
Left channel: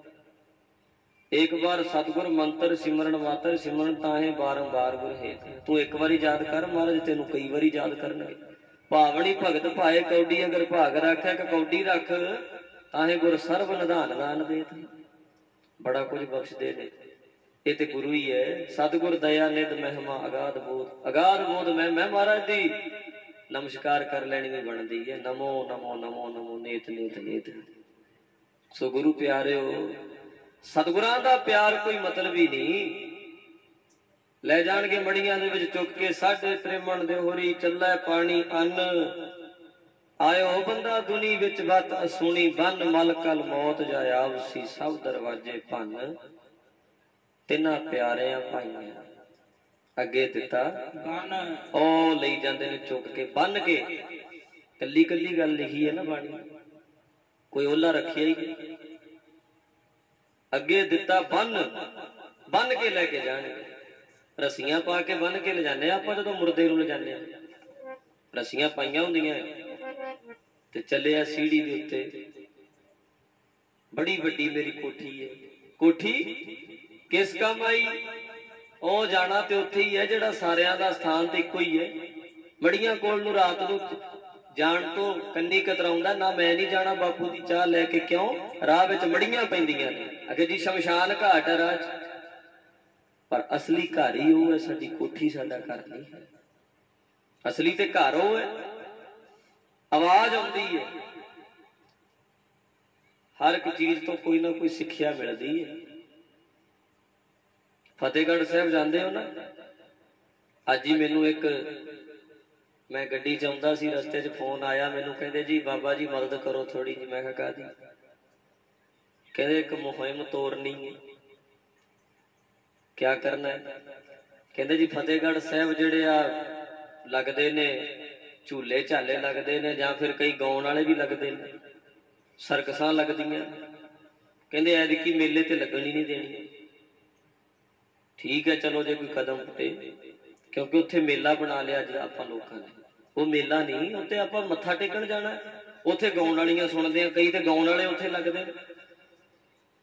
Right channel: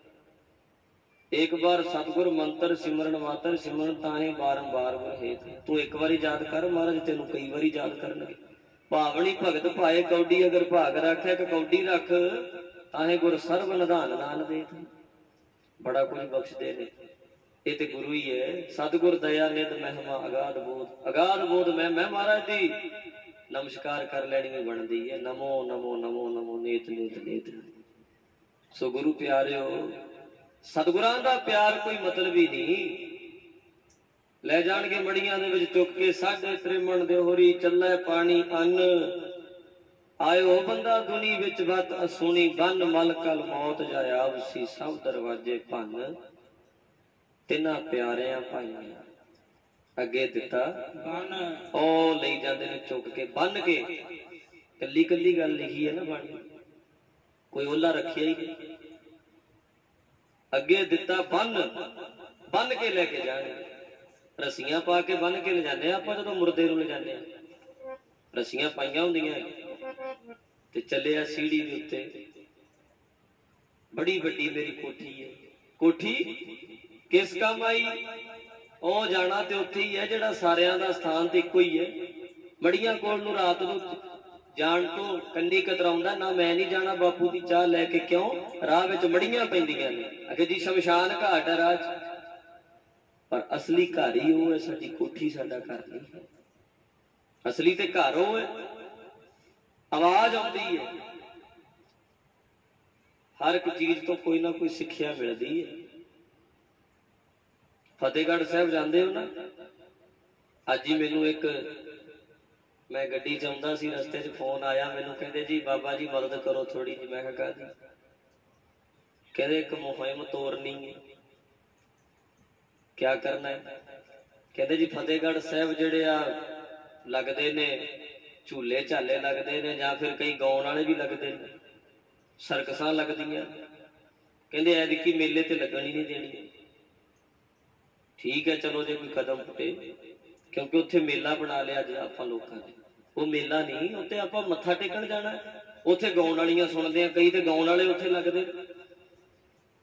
ਇੱਕ ਵਾਰ ਸਤਿਗੁਰ ਮੰਤਰ ਸਿਮਰਨ ਮਾਤਰ ਸਿਮਰਨ ਤਾਹੇ ਬਾਰੰਬਾਰ ਗੁਰ ਹੇਤ। ਤੂੰ ਇੱਕ ਵਾਰੀ ਯਾਦ ਕਰ, ਮਹਾਰਾਜ ਤੈਨੂੰ ਕਈ ਵਾਰੀ ਯਾਦ ਕਰਨਗੇ। ਭਾਵਨੀ ਭਗਤ ਭਾਏ ਕੌਡੀ ਅਗਰ ਭਾਗ ਰੱਖਿਆ ਕਿ ਕੌਡੀ ਰੱਖ, ਤਾਹੇ ਗੁਰ ਸਰਬ ਨਿਧਾਨ ਦਾਨ ਦੇਤ। ਬੜਾ ਕੁਝ ਬਖਸ਼ਦੇ ਨੇ, ਇਹ ਤੇ ਗੁਰੂ ਹੀ ਹੈ। ਸਤਿਗੁਰ ਦਇਆ ਨਿਧ ਮਹਿਮਾ ਅਗਾਧ ਬੋਧ। ਅਗਾਧ ਬੋਧ ਮੈਂ ਮਹਾਰਾਜ ਦੀ ਨਮਸਕਾਰ ਕਰ ਲੈਣੀ ਵੀ ਬਣਦੀ ਹੈ। ਨਮੋ ਨਮੋ ਨਮੋ ਨਮੋ ਨੇਤ ਨੇਤ ਨੇਤ। ਸੋ ਗੁਰੂ ਪਿਆਰਿਓ, ਸਤਿਗੁਰਾਂ ਦਾ ਪਿਆਰ ਕੋਈ ਮਤਲਬ ਹੀ ਨਹੀਂ। ਲੈ ਜਾਣਗੇ ਮੜੀਆਂ ਦੇ ਵਿੱਚ ਚੁੱਕ ਕੇ, ਸਾਡੇ ਤ੍ਰਿਮਣ ਦੇ ਹੋਰੀ ਚੱਲੇ ਪਾਣੀ ਅੰਨ। ਆਇਓ ਬੰਦਾ ਦੁਨੀ ਵਿੱਚ ਵਤ ਅਸੂਣੀ, ਬੰਨ ਮਲ ਕਲ ਮੌਤ ਜਾਏ ਆਵਸੀ, ਸਭ ਦਰਵਾਜੇ ਭੰਨ। ਤਿੰਨਾਂ ਪਿਆਰਿਆਂ ਭਾਈਆਂ ਅੱਗੇ ਦਿੱਤਾ ਬੰਨ। ਉਹ ਲਈ ਜਾਂਦੇ ਨੇ ਚੁੱਕ ਕੇ, ਬੰਨ ਕੇ। ਕੱਲੀ ਕੱਲੀ ਗੱਲ ਲਿਖੀ ਹੈ ਨਾ ਬਾਣੀ, ਕੋਈ ਓਲਾ ਰੱਖਿਆ ਹੀ ਨਹੀਂ। ਅੱਗੇ ਦਿੱਤਾ ਬੰਨ, ਬੰਨ ਕੇ ਲੈ ਕੇ ਜਾਣਗੇ। ਰੱਸੀਆਂ ਪਾ ਕੇ ਬੰਨ ਕੇ ਲਿਜਾਨੇ ਆਪਾਂ ਜਦੋਂ ਮੁਰਦੇ ਨੂੰ ਲਿਜਾਨੇ ਆ। ਰੱਸੀਆਂ ਪਾਈਆਂ ਹੁੰਦੀਆਂ ਤੇ ਚੱਲਿਆ ਸੀੜੀ ਦੇ ਉੱਤੇ। ਬੜੀ ਵੱਡੀ ਮੇਰੀ ਕੋਠੀ ਹੈ। ਕੋਠੀ ਕਿਸ ਕੰਮ ਆਈ? ਉਹ ਜਾਣਾ ਤੇ ਉੱਥੇ ਹੀ ਹੈ ਜਿਹੜਾ ਸਾਰਿਆਂ ਦਾ ਸਥਾਨ ਤੇ ਇੱਕੋ ਹੀ ਹੈ। ਮੜੀਆਂ ਕੋਲ ਨੂੰ ਰਾਤ ਨੂੰ ਜਾਣ ਤੋਂ ਕੰਨੀ ਕਤਰਾਉਂਦਾ ਨਾ, ਮੈਂ ਨਹੀਂ ਜਾਣਾ ਬਾਪੂ ਦੀ ਚਾਹ ਲੈ ਕੇ। ਕਿਉਂ? ਰਾਹ ਵਿੱਚ ਮੜੀਆਂ ਪੈਂਦੀਆਂ ਨੇ। ਅਗੇ ਜੀ ਸ਼ਮਸ਼ਾਨ ਘਾਟ ਹੈ ਰਾਹ 'ਚ, ਪਰ ਅਸਲੀ ਘਰ ਹੀ ਉਹ ਹੈ। ਸਾਡੀ ਕੋਠੀ ਸਾਡਾ ਘਰ ਨਹੀਂ ਹੈ। ਅਸਲੀ ਤੇ ਘਰ ਉਹ ਹੈ। ਆਵਾਜ਼ ਆਉਂਦੀ ਹੈ, ਹਰ ਇੱਕ ਚੀਜ਼ ਤੋਂ ਕੋਈ ਨਾ ਕੋਈ ਸਿੱਖਿਆ ਮਿਲਦੀ ਹੈ। ਫਤਿਹਗੜ੍ਹ ਸਾਹਿਬ ਜਾਂਦੇ ਹੋ ਨਾ, ਅੱਜ ਹੀ ਮੈਨੂੰ ਮੈਂ ਗੱਡੀ 'ਚ ਆਉਂਦਾ ਸੀ, ਰਸਤੇ 'ਚ ਫੋਨ ਆਇਆ ਮੈਨੂੰ, ਕਹਿੰਦੇ ਜੀ ਬਾਬਾ ਜੀ ਮਦਦ ਕਰੋ ਥੋੜੀ ਜਿਹੀ। ਮੈਂ ਕਿਹਾ ਕਾਹਦੀ? ਕਹਿੰਦੇ ਇੱਕ ਮੁਹਿੰਮ ਤੋਰਨੀ ਹੈ। ਕਿਆ ਕਰਨਾ ਹੈ? ਕਹਿੰਦੇ ਜੀ ਫਤਿਹਗੜ੍ਹ ਸਾਹਿਬ ਜਿਹੜੇ ਆ ਲੱਗਦੇ ਨੇ ਝੂਲੇ ਝਾਲੇ ਲੱਗਦੇ ਨੇ, ਜਾਂ ਫਿਰ ਕਈ ਗਾਉਣ ਵਾਲੇ ਵੀ ਲੱਗਦੇ ਨੇ, ਸਰਕਸਾਂ ਲੱਗਦੀਆਂ। ਕਹਿੰਦੇ ਐਤਕੀ ਮੇਲੇ ਤੇ ਲੱਗਣ ਹੀ ਨਹੀਂ ਦੇਣੀ। ਠੀਕ ਹੈ ਚਲੋ ਜੇ ਕੋਈ ਕਦਮ ਪੁੱਟੇ, ਕਿਉਂਕਿ ਉੱਥੇ ਮੇਲਾ ਬਣਾ ਲਿਆ ਅੱਜ ਆਪਾਂ ਲੋਕਾਂ ਨੇ। ਉਹ ਮੇਲਾ ਨਹੀਂ, ਉੱਥੇ ਆਪਾਂ ਮੱਥਾ ਟੇਕਣ ਜਾਣਾ। ਉੱਥੇ ਗਾਉਣ ਵਾਲੀਆਂ ਸੁਣਦੇ ਆ, ਕਈ ਤੇ ਗਾਉਣ ਵਾਲੇ ਉੱਥੇ ਲੱਗਦੇ।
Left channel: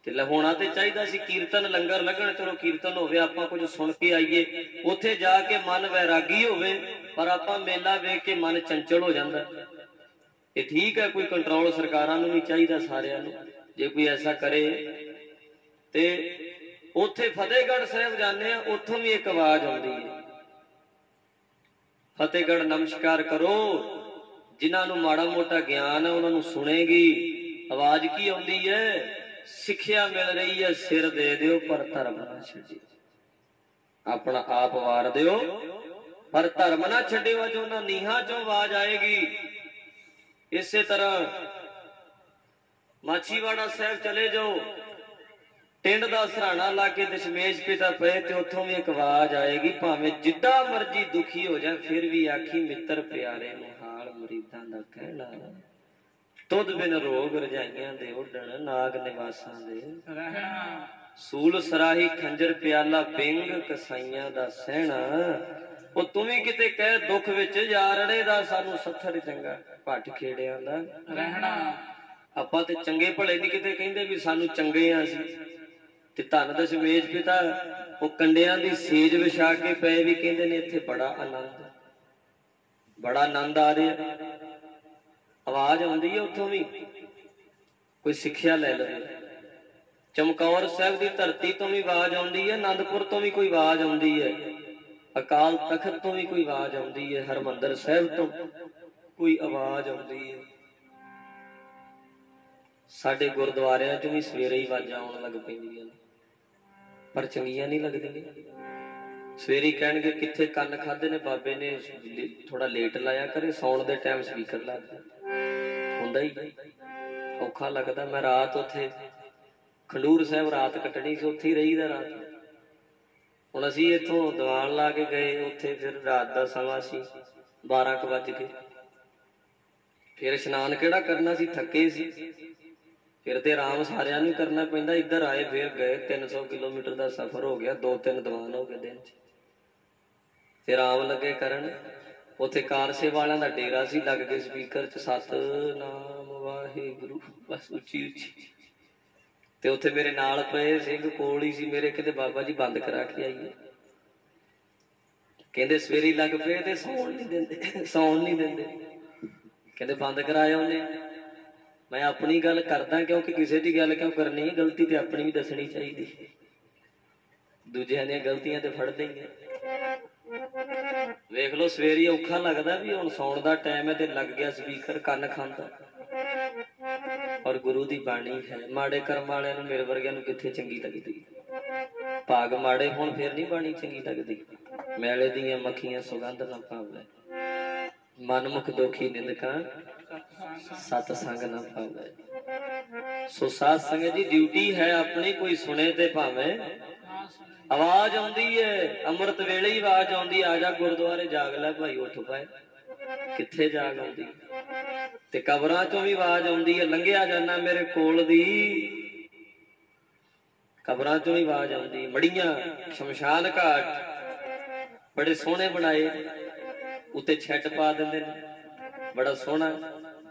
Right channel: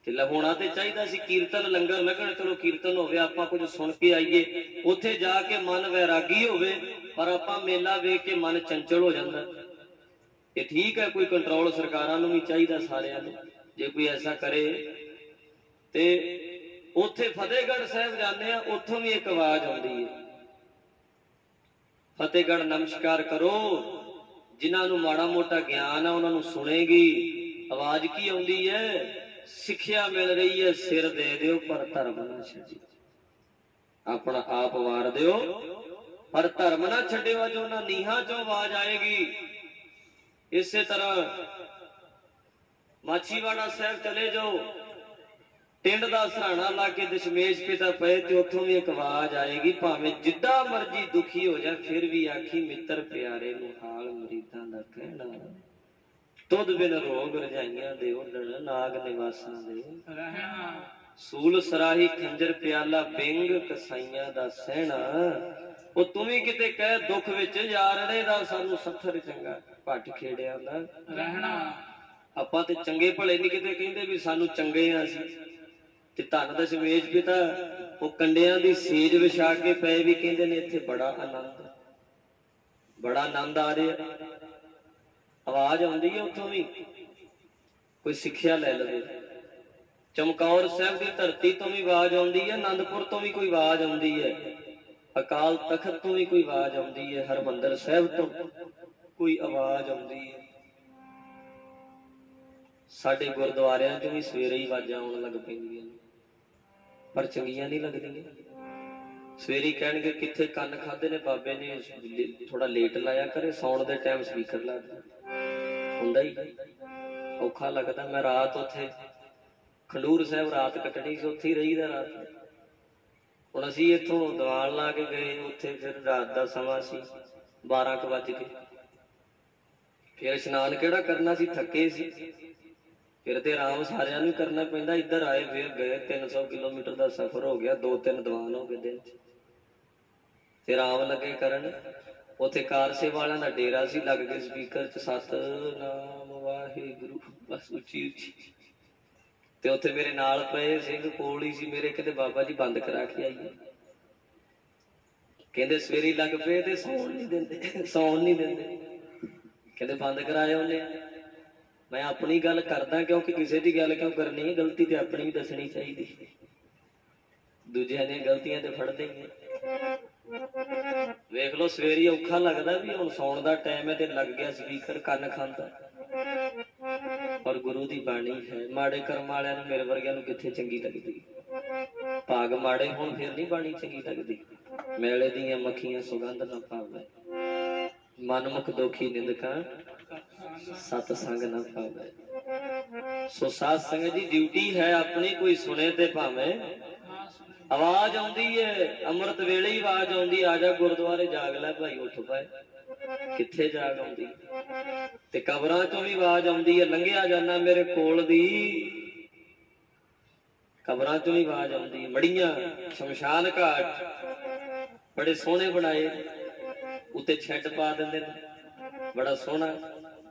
ਤੇ ਹੋਣਾ ਤੇ ਚਾਹੀਦਾ ਸੀ ਕੀਰਤਨ लंगर लगन, चलो कीर्तन होवे आपां कुछ सुन के आईए, उत्थे जाके मन वैरागी होवे, पर आपां मेला वेख के मन चंचल हो जांदा। ये ठीक है, कोई कंट्रोल सरकारां नूं भी चाहीदा सारिआं नूं, जे कोई ऐसा करे। ते उत्थे फतेहगढ़ साहिब जाने आ, उत्थों भी एक आवाज आउंदी है, फतेहगढ़ नमस्कार करो, जिन्हां नूं माड़ा मोटा ज्ञान है उन्हां नूं सुनेगी। आवाज की आउंदी है, सिक्ख्या मिल रही है, सिर दे दिओ पर धर्म ना छड्डिओ, अपना आप वार दिओ पर धर्म ना छड्डिओ। जो उन्हां नीहां चों आवाज आएगी। इसे तरह माछीवाड़ा साहब चले जाओ, टिंड दा सराणा ला के दशमेश पिता पे, ते उत्थों भी एक आवाज आएगी, भावें जिद्दां मर्जी दुखी हो जाए फिर भी आखी मित्र प्यारे मुहाल मरीदां दा कहना, तुद बिन रोग रजाइयां दे उडण नाग निवासां दे रहना, सूल सराही खंजर प्याला बिंग कसाइयां दा सहना। ਉਹ ਤੂੰ ਵੀ ਕਿਤੇ ਕਹਿ ਦੁੱਖ ਵਿੱਚ ਯਾਰੜੇ ਦਾ ਸਾਨੂੰ ਸੱਥਰ ਚੰਗਾ ਭੱਟ ਖੇੜਿਆਂ ਦਾ ਰਹਿਣਾ। ਆਪਾਂ ਤੇ ਚੰਗੇ ਭਲੇ ਨਹੀਂ ਕਿਤੇ ਕਹਿੰਦੇ ਵੀ ਸਾਨੂੰ ਚੰਗੇ ਆ ਅਸੀਂ। ਤੇ ਧੰਨ ਦਸ਼ਮੇਸ਼ ਪਿਤਾ ਉਹ ਕੰਡਿਆਂ ਦੀ ਸੇਜ ਵਿਛਾ ਕੇ ਪਏ ਵੀ ਕਹਿੰਦੇ ਨੇ ਇੱਥੇ ਬੜਾ ਆਨੰਦ ਆ ਰਿਹਾ। आवाज आउंदी है उत्थों भी, कोई सिक्ख्या लै लवे। चमकौर साहब की धरती तो भी आवाज आउंदी है, आनंदपुर तो भी कोई आवाज आउंदी है, अकाल तखत तो भी कोई आवाज आउंदी है, हरमंदर साहब तो कोई आवाज आउंदी है। साडे गुरुद्वारियां च भी सवेरे ही आवाजां आउण लग पैंदियां ने, पर चंगियां नहीं लगदियां। सवेरे कहणगे कित्थे कंन खाधे ने बाबे ने, थोड़ा लेट लाया करे, सौण दे टाइम स्पीकर ला दे, हुंदा ही औखा लगदा। मैं रात उत्थे खंडूर साहब रात कटनी सी, उत्थे ही रहीदा रात। हुण असीं इत्थों दीवान ला के गए, उत्थे फिर रात दा समा सी, 12 क वज गए। फिर इशनान किहड़ा करना सी, थके सी, फिर तो आराम सारिਆਂ ਨੂੰ करना पैंदा। इधर आए फिर गए, 300 किलोमीटर का सफर हो गया, 2-3 दीवान हो गए दिन च। फिर आराम लगे करन, उत्थे कारसे वालियां दा डेरा सी, लग गए स्पीकर च सतनाम वाहिगुरू बस उच्ची उच्ची। ते उत्थे मेरे नाल पए सिंह कोल ही सी मेरे, कहते बाबा जी बंद करा के आइए। कहते सवेरे लग पे ते सौण नहीं देंदे, कहते बंद कराया उन्हें। मैं अपनी गल करदा क्योंकि किसी की गल क्यों करनी है, गलती तो अपनी भी दसनी चाहिए, दूजिया दी गलतियां तो फड़दे ही। वेख लो सवेरे औखा लगता भी हुण सौण दा टाइम है, तो लग गया स्पीकर कन्न खांदा। और गुरु की बाणी है, माड़े कर्म वालियां नूं मेरे वर्गियां नूं कित्थे चंगी लगदी, भाग माड़े हुण फिर नहीं बाणी चंगी लगदी। मैले दियां मक्खियां सुगंध ना पावे, मनमुख दोखी निंदकां सतसंग न पावे। सो साध संगत जी ड्यूटी है अपनी, कोई सुने ते भावे। आवाज आउंदी है अमृत वेले ही आवाज आउंदी, आजा गुरुद्वारे जाग लै भाई उठ पाए, कित्थे जाग आउंदी। ते कबरां चों भी आवाज आउंदी है, लंघिया जाना मेरे कोल दी, कबरां चों भी आवाज आउंदी। मड़ियां शमशान घाट बड़े सोहने बनाए, उत्ते छेड पा दिंदे ने, बड़ा सोहना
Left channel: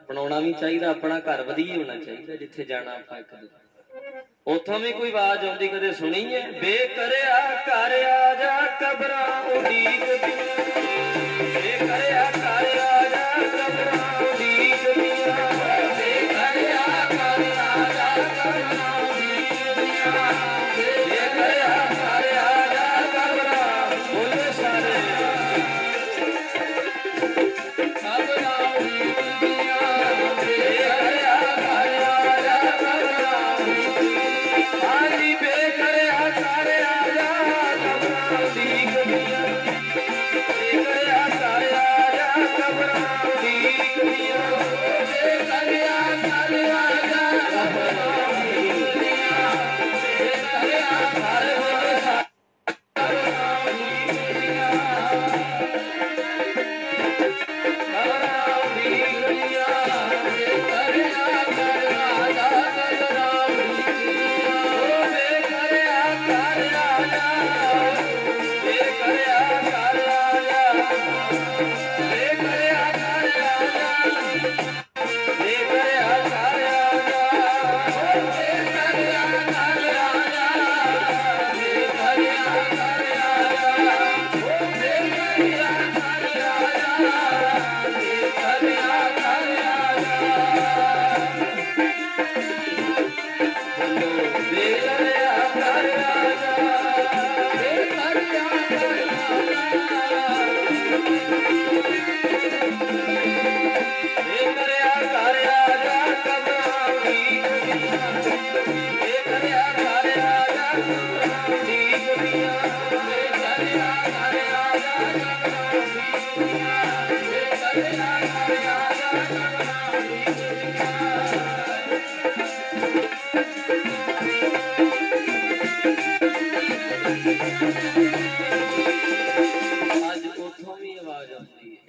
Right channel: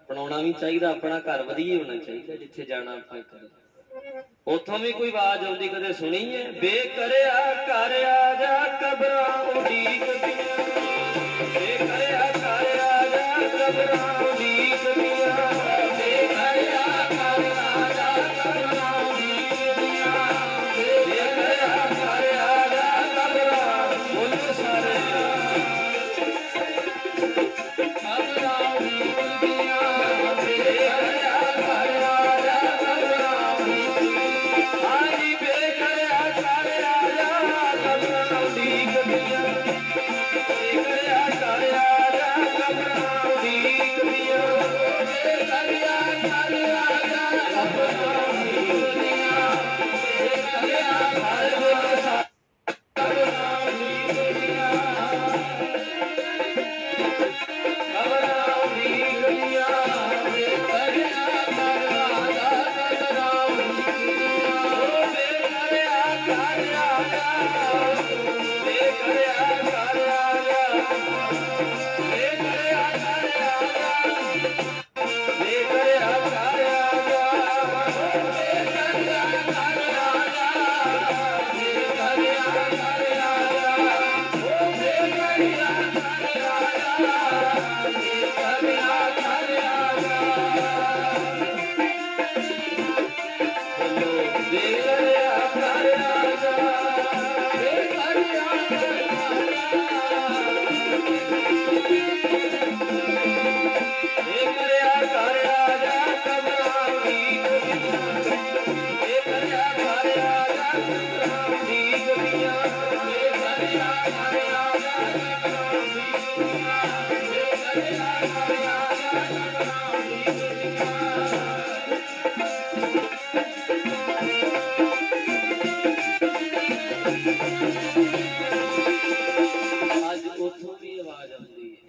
बनाना भी चाहिए। अपना घर वधिया होना चाहिए, जिथे जाना आपां इक उथों भी कोई आवाज आउंदी कदे सुनी है, बेकरिया घर आ जा कबरां उडीकदियां, बेकरिया घर आ जा कबरां उडीकदियां, बेकरिया घर आ जा कबरां उडीकदियां, बेकरिया घर आ जा कबरां बोले सारे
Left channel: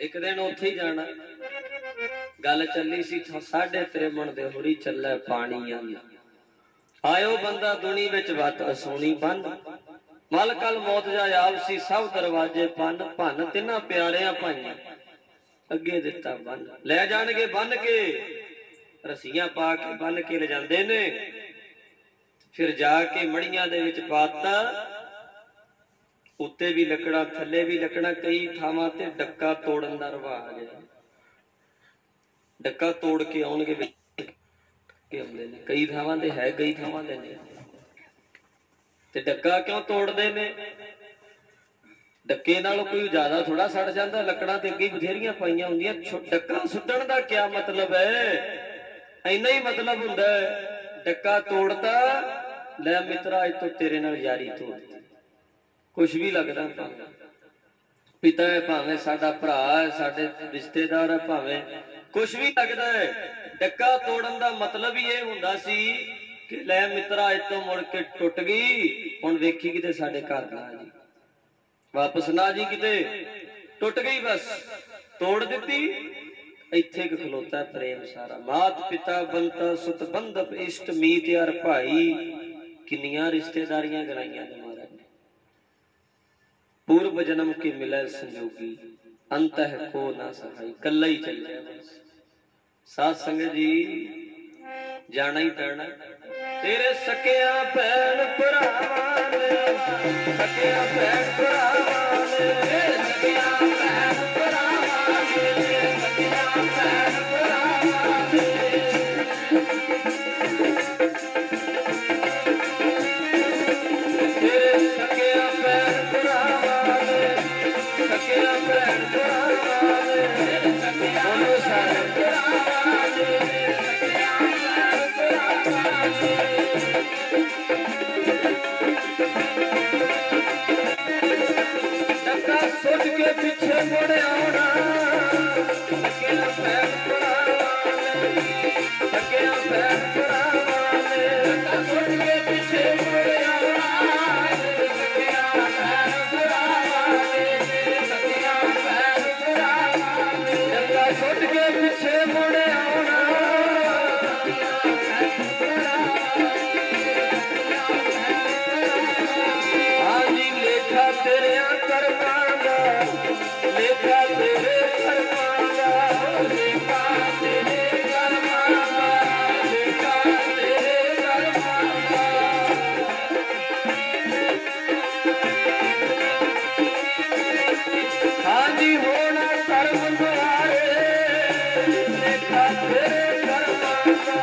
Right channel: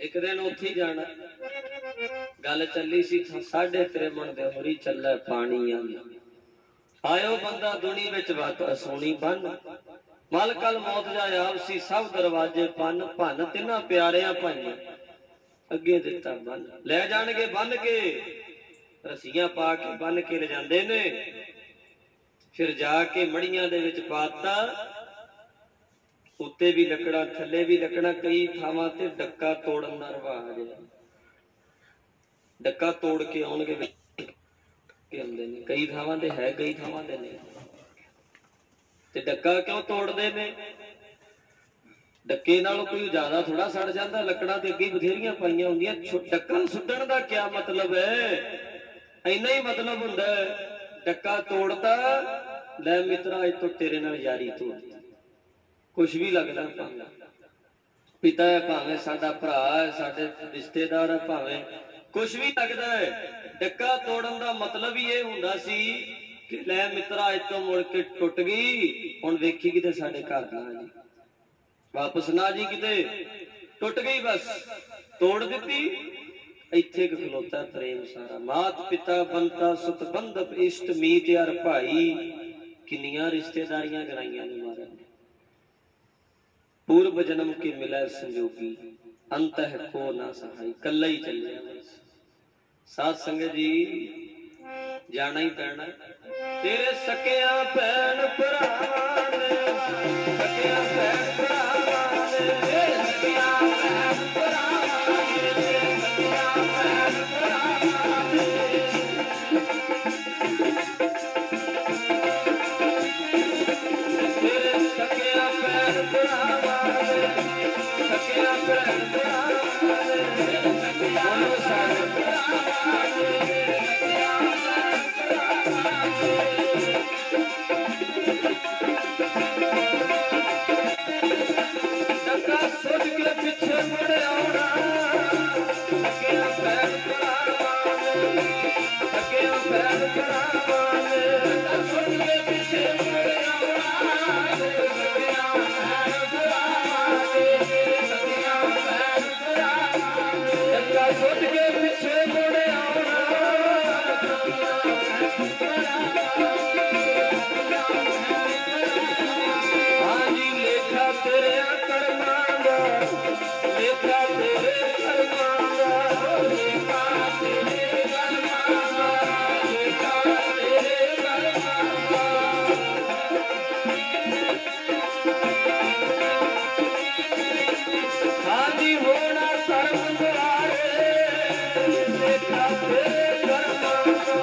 एक दिन उत्थे ही जाना गल चली सी 53 दे होरी चले पानी आयो बंदा दुनी विच वत सोनी बन मल कल मौत जा आप सी सब दरवाजे पन भन तिना प्यारिया भाइया अगे दिता बन ले जाणगे बन के रस्सियां पा के बन के ले जांदे ने फिर जाके मड़ियां दे विच पाता उत्ते भी लकड़ा थले भी लकड़ा कई थावां ते डक्का तोड़न दा रिवाज है डक्का तोड़ के आउणगे आउंदे ने कई थावां ते है कई थावां ते नहीं ते डक्का क्यों तोड़दे ने डक्के नाल कोई ज्यादा थोड़ा सड़ जांदा लकड़ा ते अगे बथेरियां पाईयां हुंदियां डक्का सुट्टण दा क्या मतलब है इन्ना ही मतलब हुंदा डक्का तोड़ता ले मित्रा अज तो तेरे नाल यारी तोड़ कुछ भी लगता भावे पिता है भावे साडा भरा है साडे रिश्तेदार है भावे कुछ भी लगता है डक्का तोड़न का मतलब ही ये हुंदा सी कि लै मित्रा अज तो मुड़ के टुट गई हुण वेखी किते साडे घर ना जी वापस ना जी किते टुट गई बस तोड़ दी इत्थे खलोता प्रेम सारा मात पिता बनता सुत बंधप इष्ट मीत यार भाई किन्नियां रिश्तेदारियां गराइयां ने महाराज पूर्व जन्म के मिले संजोगी अंत है को ना सहाई कल्ला ही चल जाए बस साथ संगत जी जाना ही पैना तेरे सकिया भैन भरावां ने सकिया भैन भरावां ने सकिया भैन भरावां ने सकिया भैन भरावां ने तेरे सकिया भैन भरावां ने सकिया भैन भरावां ने बोलो सारे भरावां ने सकिया भैन भरावां ने डक्का सुट के पीछे मुड़े आना सकिया भैन भरावां ने सकिया भैन भरावां ने डक्का सुट के पीछे मुड़े आना सकिया भैन भरावां ने सकिया भैन भरावां ने डक्का सुट के पीछे मुड़े आना हाँ जी लेखा तेरे कर्मां दा लेखा तेरे कर्मां दा लेखा तेरे कर्मां दा लेखा तेरे कर्मां दा हाँ जी होना कर्म द्वारे लेखा तेरे कर्मां दा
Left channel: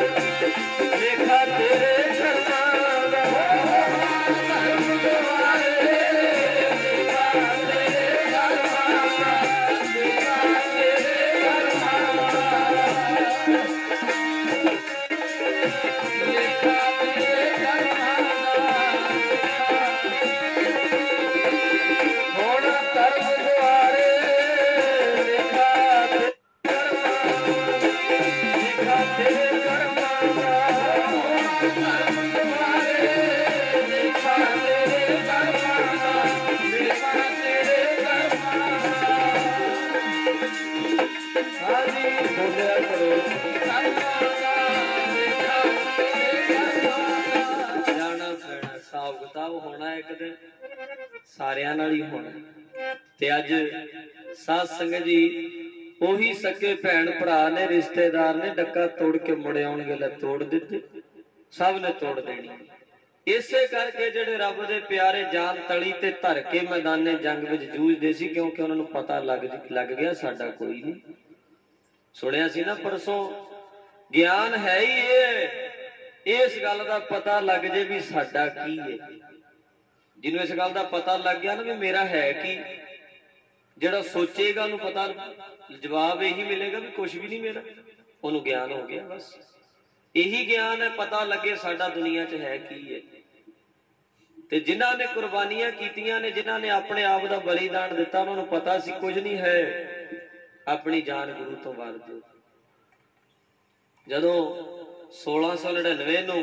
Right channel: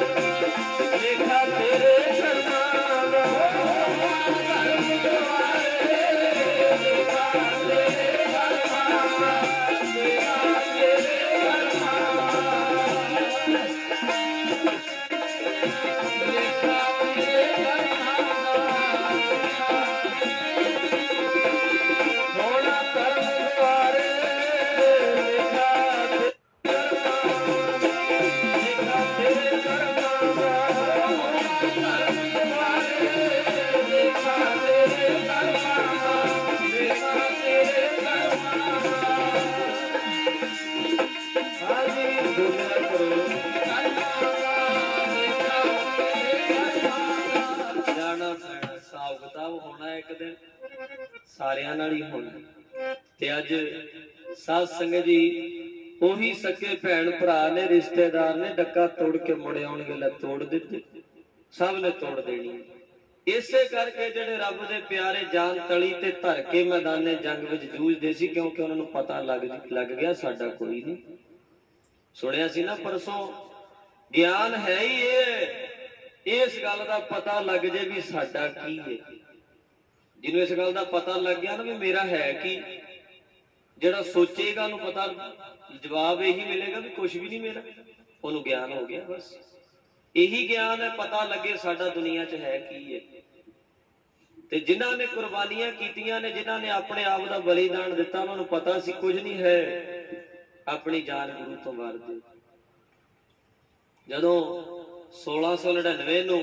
लेखा तेरे कर्मां दा होना कर्म द्वारे लेखा तेरे कर्मां दा लेखा तेरे कर्मां दा लेखा तेरे कर्मां दा होना कर्म द्वारे लेखा तेरे कर्मां लेखा तेरे कर्मां दा होना कर्म द्वारे लेखा तेरे कर्मां दा लेखा तेरे कर्मां दा हाँ जी बोलिया करो जाना पैना हिसाब किताब होना एक दिन सारियां नाल ही होना ते अज साध संगत जी ਉਹੀ सके भैन भरा ने रिश्तेदार ने डक्का तोड़ के मुड़े आउणगे ले तोड़ दिते सब ने तोड़ देनी इसे करके जेडे रब दे प्यारे जान तली ते धर के मैदाने जंग विच जूझदे सी क्योंकि उन्हां नूं पता लग गया साडा कोई नहीं सुनिया सी ना परसों ज्ञान है ही ये इस गल का पता लग जे भी साडा की है जिन्होंने इस गल का पता लग गया ना भी मेरा है कि ਜਿਹੜਾ सोचेगा ਉਹਨੂੰ पता जवाब यही मिलेगा भी कुछ भी नहीं मेरा, ਉਹਨੂੰ ज्ञान हो गया। बस यही ज्ञान है, पता लगे साडा दुनिया च है की है। ते जिन्हां ने कुर्बानियां कीतियां ने, जिन्हां ने अपने आप का बलिदान दिता, उन्होंने पता सी कुछ नहीं है, अपनी जान गुरु तो वार दे। जदों 1699 ਨੂੰ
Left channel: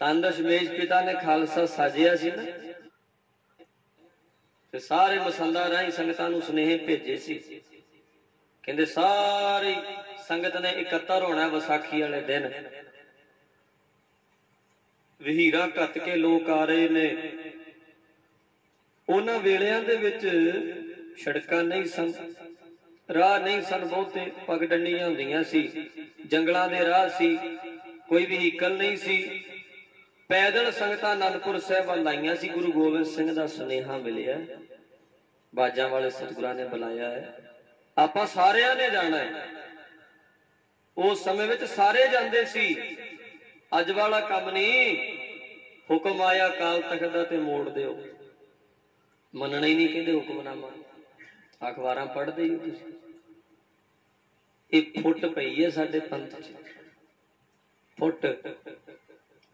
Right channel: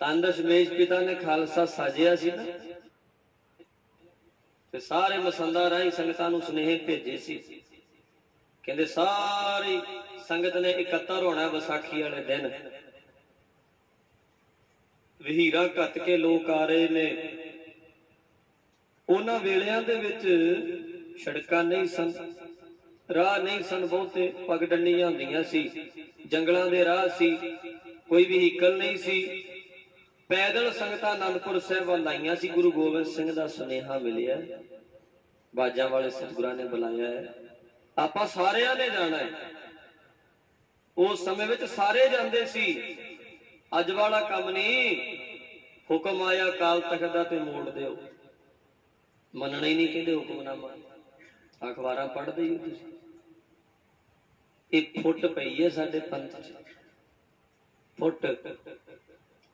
ਧੰਨ ਦਸ਼ਮੇਸ਼ पिता ने खालसा साजिया सी ना, ते सारे मसंदा राही संगतां नूं सुनेहे भेजे सी, कहंदे सारी संगत ने इकट्ठा होना विसाखी वाले दिन। वहीरा घत के लोग आ रहे ने। उन्हां वेलियां दे विच सड़कां नहीं सन, राह नहीं सन, बहुते पगडंडियां हुंदियां सी, जंगलां दे राह सी, कोई व्हीकल नहीं सी। पैदल संगतां आनंदपुर साहिब आईयां सी। गुरु गोबिंद सिंह दा सुनेहा मिलिया, बाजा वाले सतगुरां ने बुलाया है, आपां सारियां ने जाना है। उस समय विच सारे जांदे सी, अज वाला काम नहीं। हुक्म आया काल तख्त दा ते मोड़ दिओ, मनना ही नहीं, कहंदे हुक्मनामा। अखबारां पढ़दे ही तुसीं, एक फुट पई है साडे पंथ च, फुट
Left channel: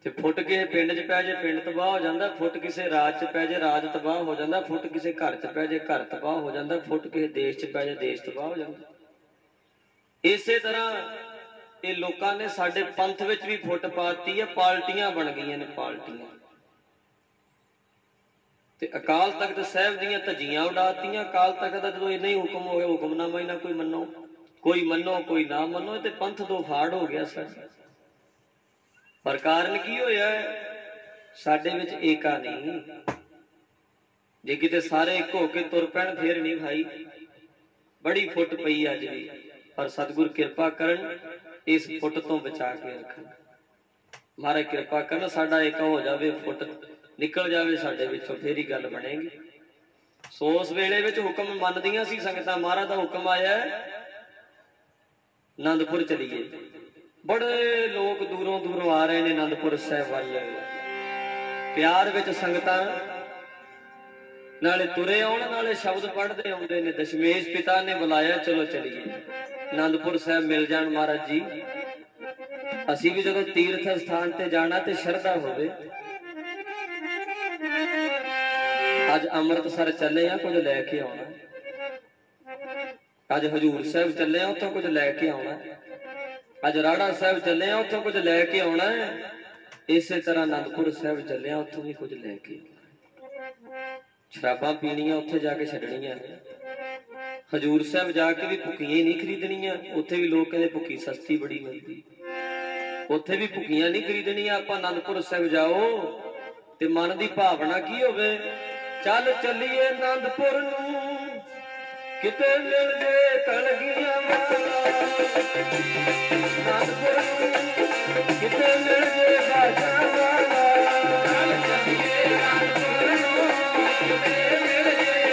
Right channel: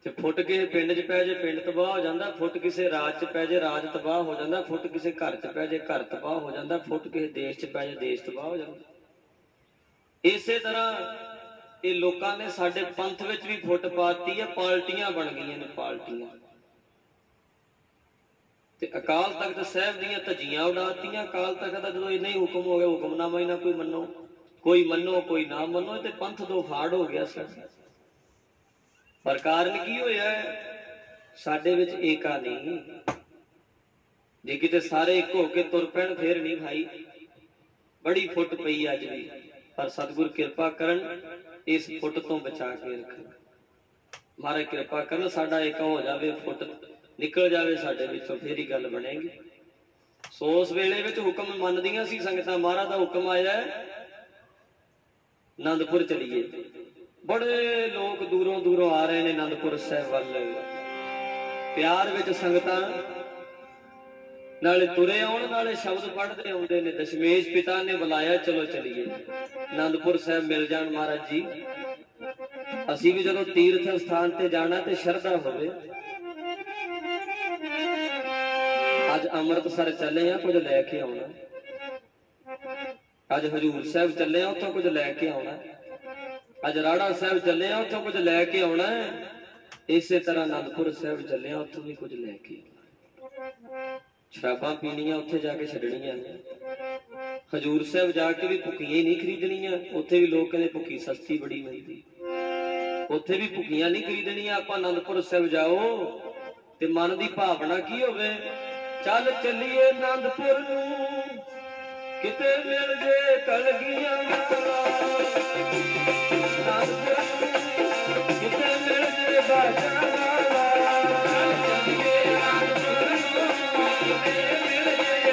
ते फुट के पिंड च पै जे पिंड तबाह हो जाता, फुट किसी राज च पै जे राज तबाह हो जाता, फुट किसी घर च पै जे घर तबाह हो जाता, फुट किसी देश च पै जे देश तबाह हो जाता। इसे तरह ये लोगों ने साडे पंथ विच भी फुट पाती है, पार्टियां बन गई ने, पार्टियां। ते अकाल तख्त साहिब दीयां धज्जियां उड़ातियां। अकाल तख्त दा जदों इन्ना ही हुक्म हो गया, हुक्मनामा ही ना कोई मनो, कोई ना मनो, ते पंथ दो फाड़ हो गया साडा। पर कारण की होया है? साडे विच एका नहीं। जे किते सारे एक हो के तुर पैण फिर नहीं भाई, बड़ी फुट पई अज भी। पर सतगुर किरपा करन, इस फुट तो बचा के रखन। महाराज किरपा करन, साडा एक हो जावे, फुट निकल जावे साडे विचों, फिर ही गल बनेगी। सो उस वेले विच हुक्म मनदियां सी संगतां। महाराज दा हुक्म आया आनंदपुर चलीए। बड़े लोग दूरों दूरों आ रहे हैं आनंदपुर साहिब वाल। प्यार विच संगतां नाले तुरे आउण, नाले शब्द पढ़ते आउंदे ने। दशमेश पिता ने बुलाया, चलो चलीए आनंदपुर साहिब मिल जाण महाराज जी। असीं भी जदों तीर्थ स्थान ते जाना ते शरधा होवे। अज अमृतसर चले आ, कुछ लैके आउणा। अज हजूर साहिब चले आ, उत्थों कुछ लैके आउणा। अज राड़ा साहिब चले आ, उत्थों कुछ लैके आउणा। इसे तरह आनंदपुर साहिब चले आ, उत्थों भी कुछ लैके आउणा। शराबां पीणियां उत्थे जाके छड्डणियां ने। हजूर साहिब जाके भी भुक्कियां ही नहीं खरीदणियां। उत्थे भी लोग कहंदे भुक्की सस्ती बड़ी मिलदी, उत्थे भी भुक्कियां नहीं खरीदणियां। आपां आनंदपुर साहिब जाओ ते मन की भावना की होवे, चल चलीए आनंदपुर नूं, किते मिल जे कलगियां वाला। आनंदपुर नूं किते मिल जे बाजा वाला। चल चलीए आनंदपुर नूं, किते मिल जे बाजा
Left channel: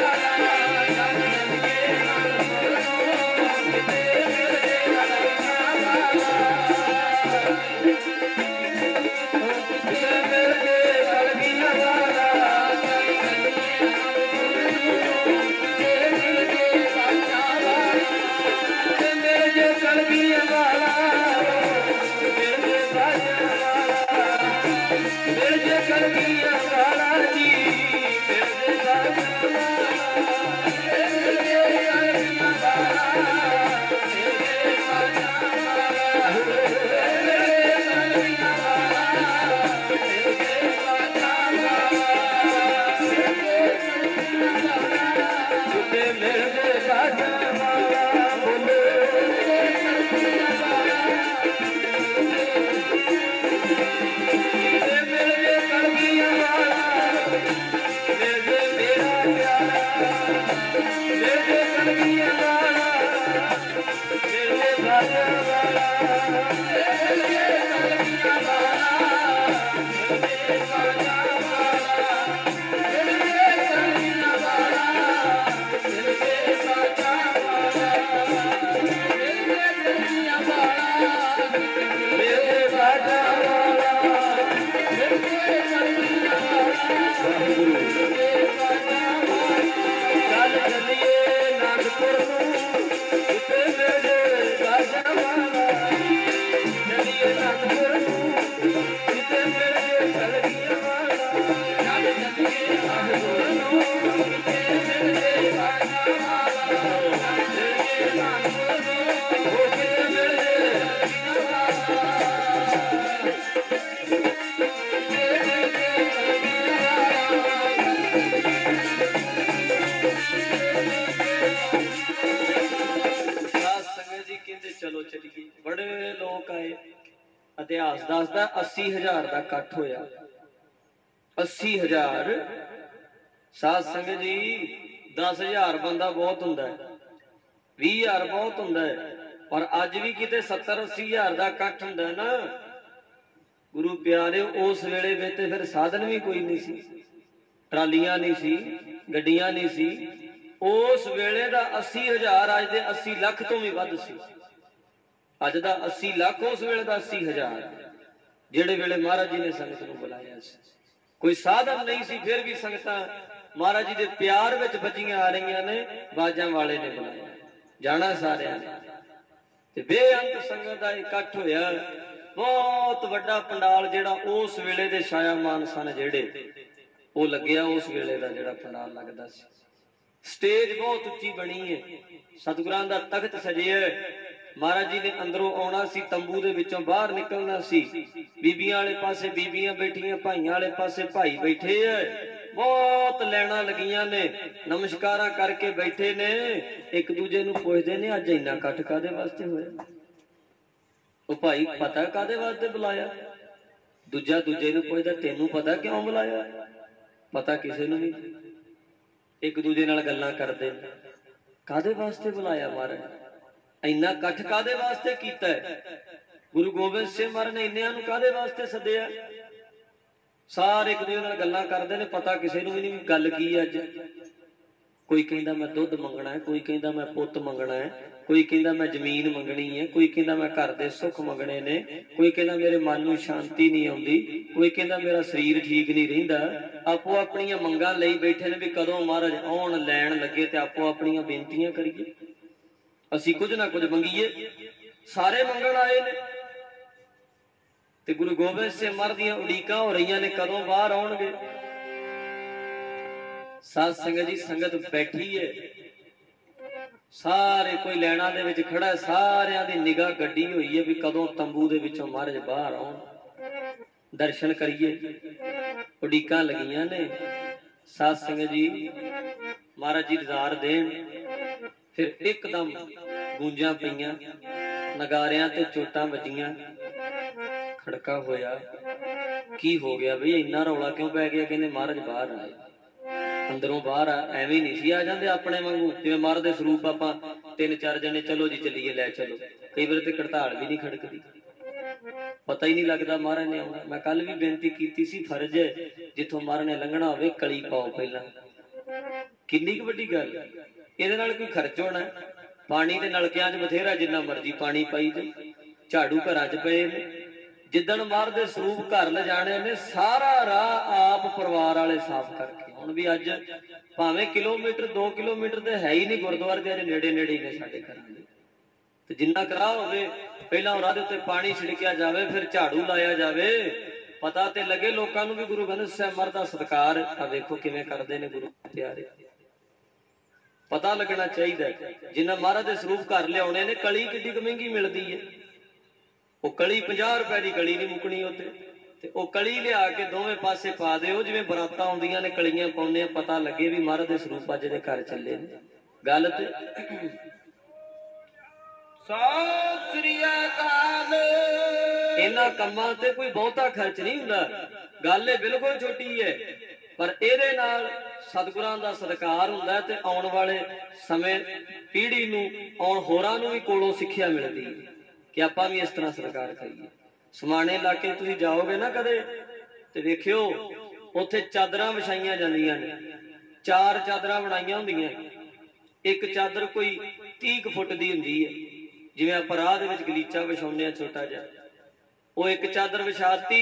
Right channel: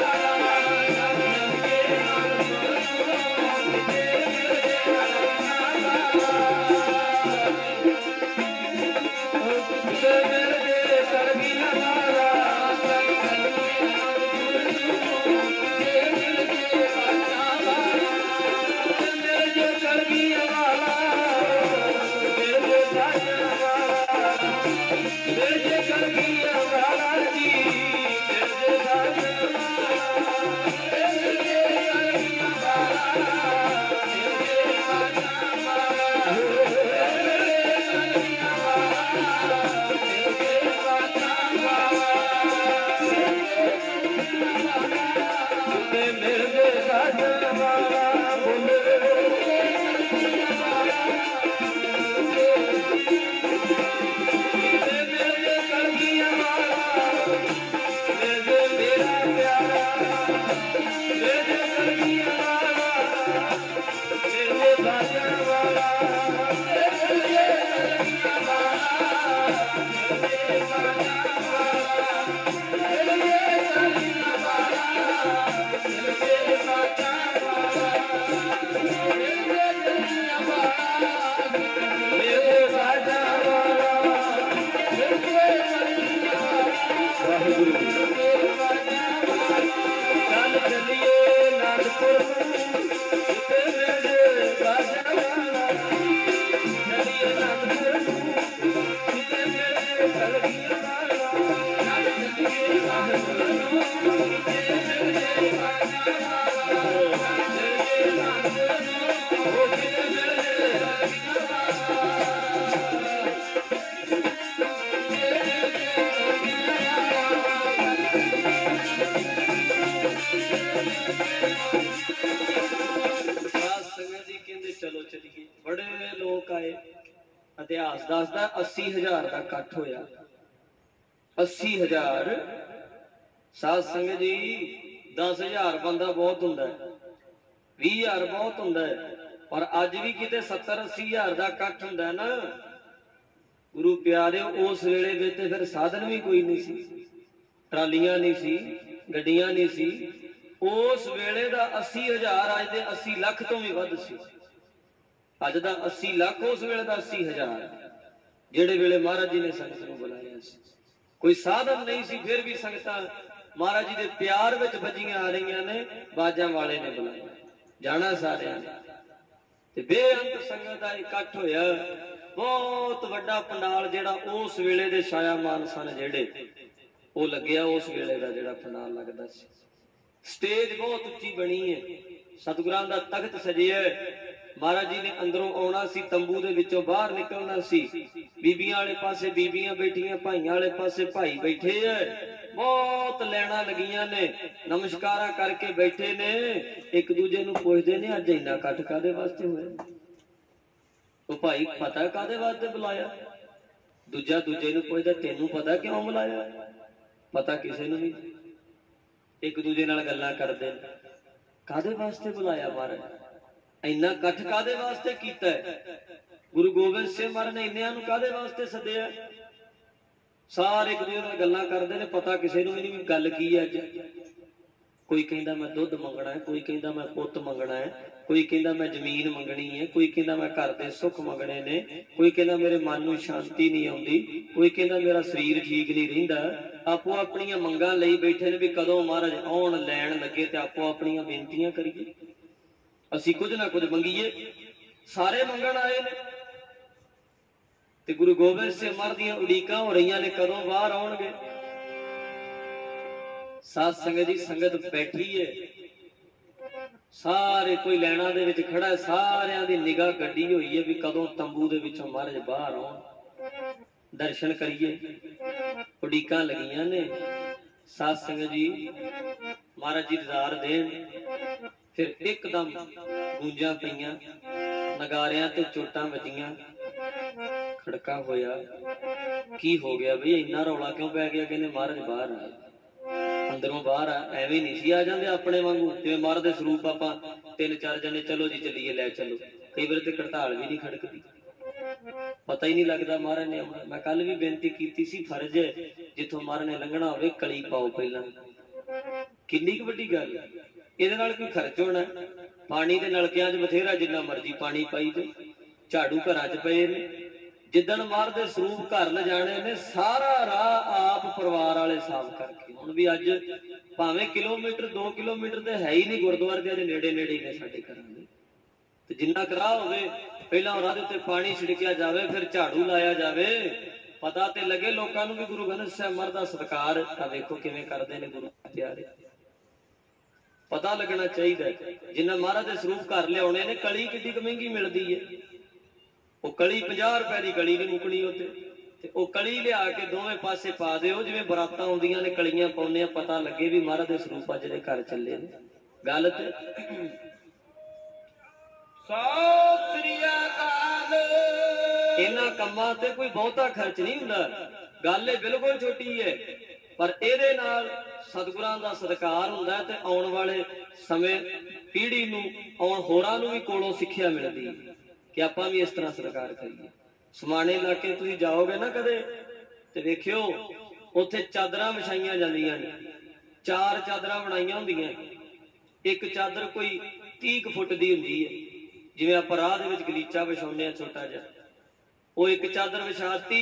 वाला। चल चलीए आनंदपुर नूं, किते मिल जे कलगियां वाला। किते मिल जे कलगियां वाला। दसदा 80,000 का इकट्ठ होया। 80,000 साध संगत जी 10,000 बंदा बहुत हुंदा है, 20,000 बहुत हुंदा है, पर अज भी किते 70-80,000 का इकट्ठ हुंदा है ना गुरु प्यारे। उस वेले में ते फिर साधन भी कोई नहीं सी, ट्रालियां नहीं सी, गड्डियां नहीं सी। उस वेले दा 80,000 अज दे 80 लाख तो भी वध सी। अज दा 80 लाख उस वेले दा 80,000 जेड़े वेले महाराज जी ने संगत नूं बुलाया सी। कोई साधन नहीं सी, फिर भी संगतां महाराज जी दे प्यार विच बजियां आ रही ने। बाजां वाले ने बुलाया, जाना सारियां ने ते बेअंत संगत दा इकट्ठ होया। बहुत वड्डा पंडाल जेड़ा उस वेले दे छायामान सन जेड़े वो लग्या। उस वेले दा जेड़ा पंडाल लगदा सी, स्टेज बहुत उच्ची बनी है, सतगुरां दा तख्त सजिया। महाराज जी ने अंदरों आना सी, तंबू दे विचों बाहर निकलना सी। बीबियां वाले पासे बीबियां बैठियां, भाइयां वाले पासे भाई बैठे है। बहुत लैना लगियां ने, नमस्कारा करके बैठे ने, एक दूजे नूं पुछदे ने अज इन्ना इकट्ठ कादे वास्ते होया। ओ भाई पता कादे वास्ते बुलाया? दूजा दूजे नूं पुछदा तैनूं पता क्यों बुलाया? पता किसे नूं नहीं। एक दूजे नाल गल्लां करदे कादे वास्ते बुलाया महाराज, इन्ना इकट्ठ कादे वास्ते कीता है? गुरु गोबिंद सिंह महाराज ने इन्नियां नूं कादे वास्ते सद्दिया? सारे एक दूजे नाल गल्लां करदे ने, पता किसे नूं भी नहीं गल की है अज। कोई कहंदा मैं दुध मंगना है, कोई कहंदा मैं पुत मंगना है, कोई कहंदा मैं जमीन मंगनी है, कोई कहंदा मैं घर दे सुख मंगने ने, कोई कहंदा मेरे मन नूं शांति नहीं आउंदी, कोई कहंदा मेरा शरीर ठीक नहीं रहिंदा। आपो अपणियां मंगां लई बैठे ने भी कदों महाराज आउण लैण लगे ते आपो अपणियां बेनतियां करिए, असीं कुछ ना कुछ मंगीए। सारे मंगण आए ने ते गुरु गोबिंद सिंह महाराज दीयां उड़ीकां हो रहीआं ने कदों बाहर आउणगे। साध संगत जी संगत बैठी है, सारे कोई लैना दे विच खड़ा है, सारियां दी निगाह गड्डी हुई है भी कदों तंबू दे विचों महाराज बाहर आउण, दर्शन करिए। उड़ीकां लगियां ने। साध संगत जी महाराज जी दीदार देण, फिर एकदम गूंजां पईयां, नगारियां ते चोटां वजियां, खड़का होया। की हो गया बई इन्ना रौला क्यों पै गया? कहंदे महाराज बाहर आए। अंदरों बाहर एवं नहीं सी आ जाते अपने वांगू, जिवें महाराज दे स्वरूप आपां 3-4 जने चलो जी चलीए लै चलो। कई बार ते हड़ताल भी नहीं खड़कदी, पता ही नहीं लगता महाराज ने आउणा। मैं कल भी बेनती कीती सी, फर्ज है जिथों महाराज ने लंघना होवे कली पाओ पहला। किन्नी क वड्डी गल, इहदे नाल कोई खर्च होना? पानी दे नलकियां 'च बथेरा जिन्ना मर्जी पानी पाई दे, झाड़ू घरां 'च पए ने। जिदन महाराज दे स्वरूप घर ले जाने ने, सारा राह आप परिवार वाले साफ करके। हुण भी अज भावें किलोमीटर 2 किलोमीटर ते है ही नहीं गुरुद्वारे दे, नेड़े नेड़े ने साडे घरां दे। ते जिन्ना कराह होवे पहलां राह दे उत्ते पानी छिड़किया जावे, फिर झाड़ू लाया जावे, पता ते लगे लोकां नूं भी गुरु ग्रंथ साहिब महाराज दा सत्कार। तां देखो किवें करदे ने गुरु प्यारे, पता लगना चाहिए। जिन्ना महाराज दे स्वरूप घर लियाउणे ने, कली किड्डी क महंगी मिलदी है। वो कली 50 रुपए की कली नहीं मुकनी उत्ते, ते वो कली लिया के दोवें पासे पा दिओ, जिवें बरातां आउंदियां ने कलियां पाउंदे, पता लगे भी महाराज दे स्वरूप अज दे घर चले ने। गल ते सत श्री अकाल। इन्हां कम्मां ते कोई बहुता खर्च नहीं हुंदा, गल बिल्कुल छोटी है, पर इहदे नाल सतगुरां दा सत्कार हुंदा ते आउण वाले समय पीढ़ी नूं आउण होरां नूं भी कोलों सिੱਖਿਆ मिलदी है कि आपां भी इस तरह सत्कार करिए। समाने इलाके तुसीं जाओगे ना कदे ते वेखिओ उत्थे चादरां विछाईਆਂ ਜਾਂਦੀਆਂ ने, 4 ਚਾਦਰਾਂ ਬਣਾਈਆਂ ਹੁੰਦੀਆਂ। एक चादर कोई 30 फुट दी हुंदी है, जिवें आपां राह दे विच गलीचा विछाउने आ छोटा जिहा, वो एक चादर विछाती,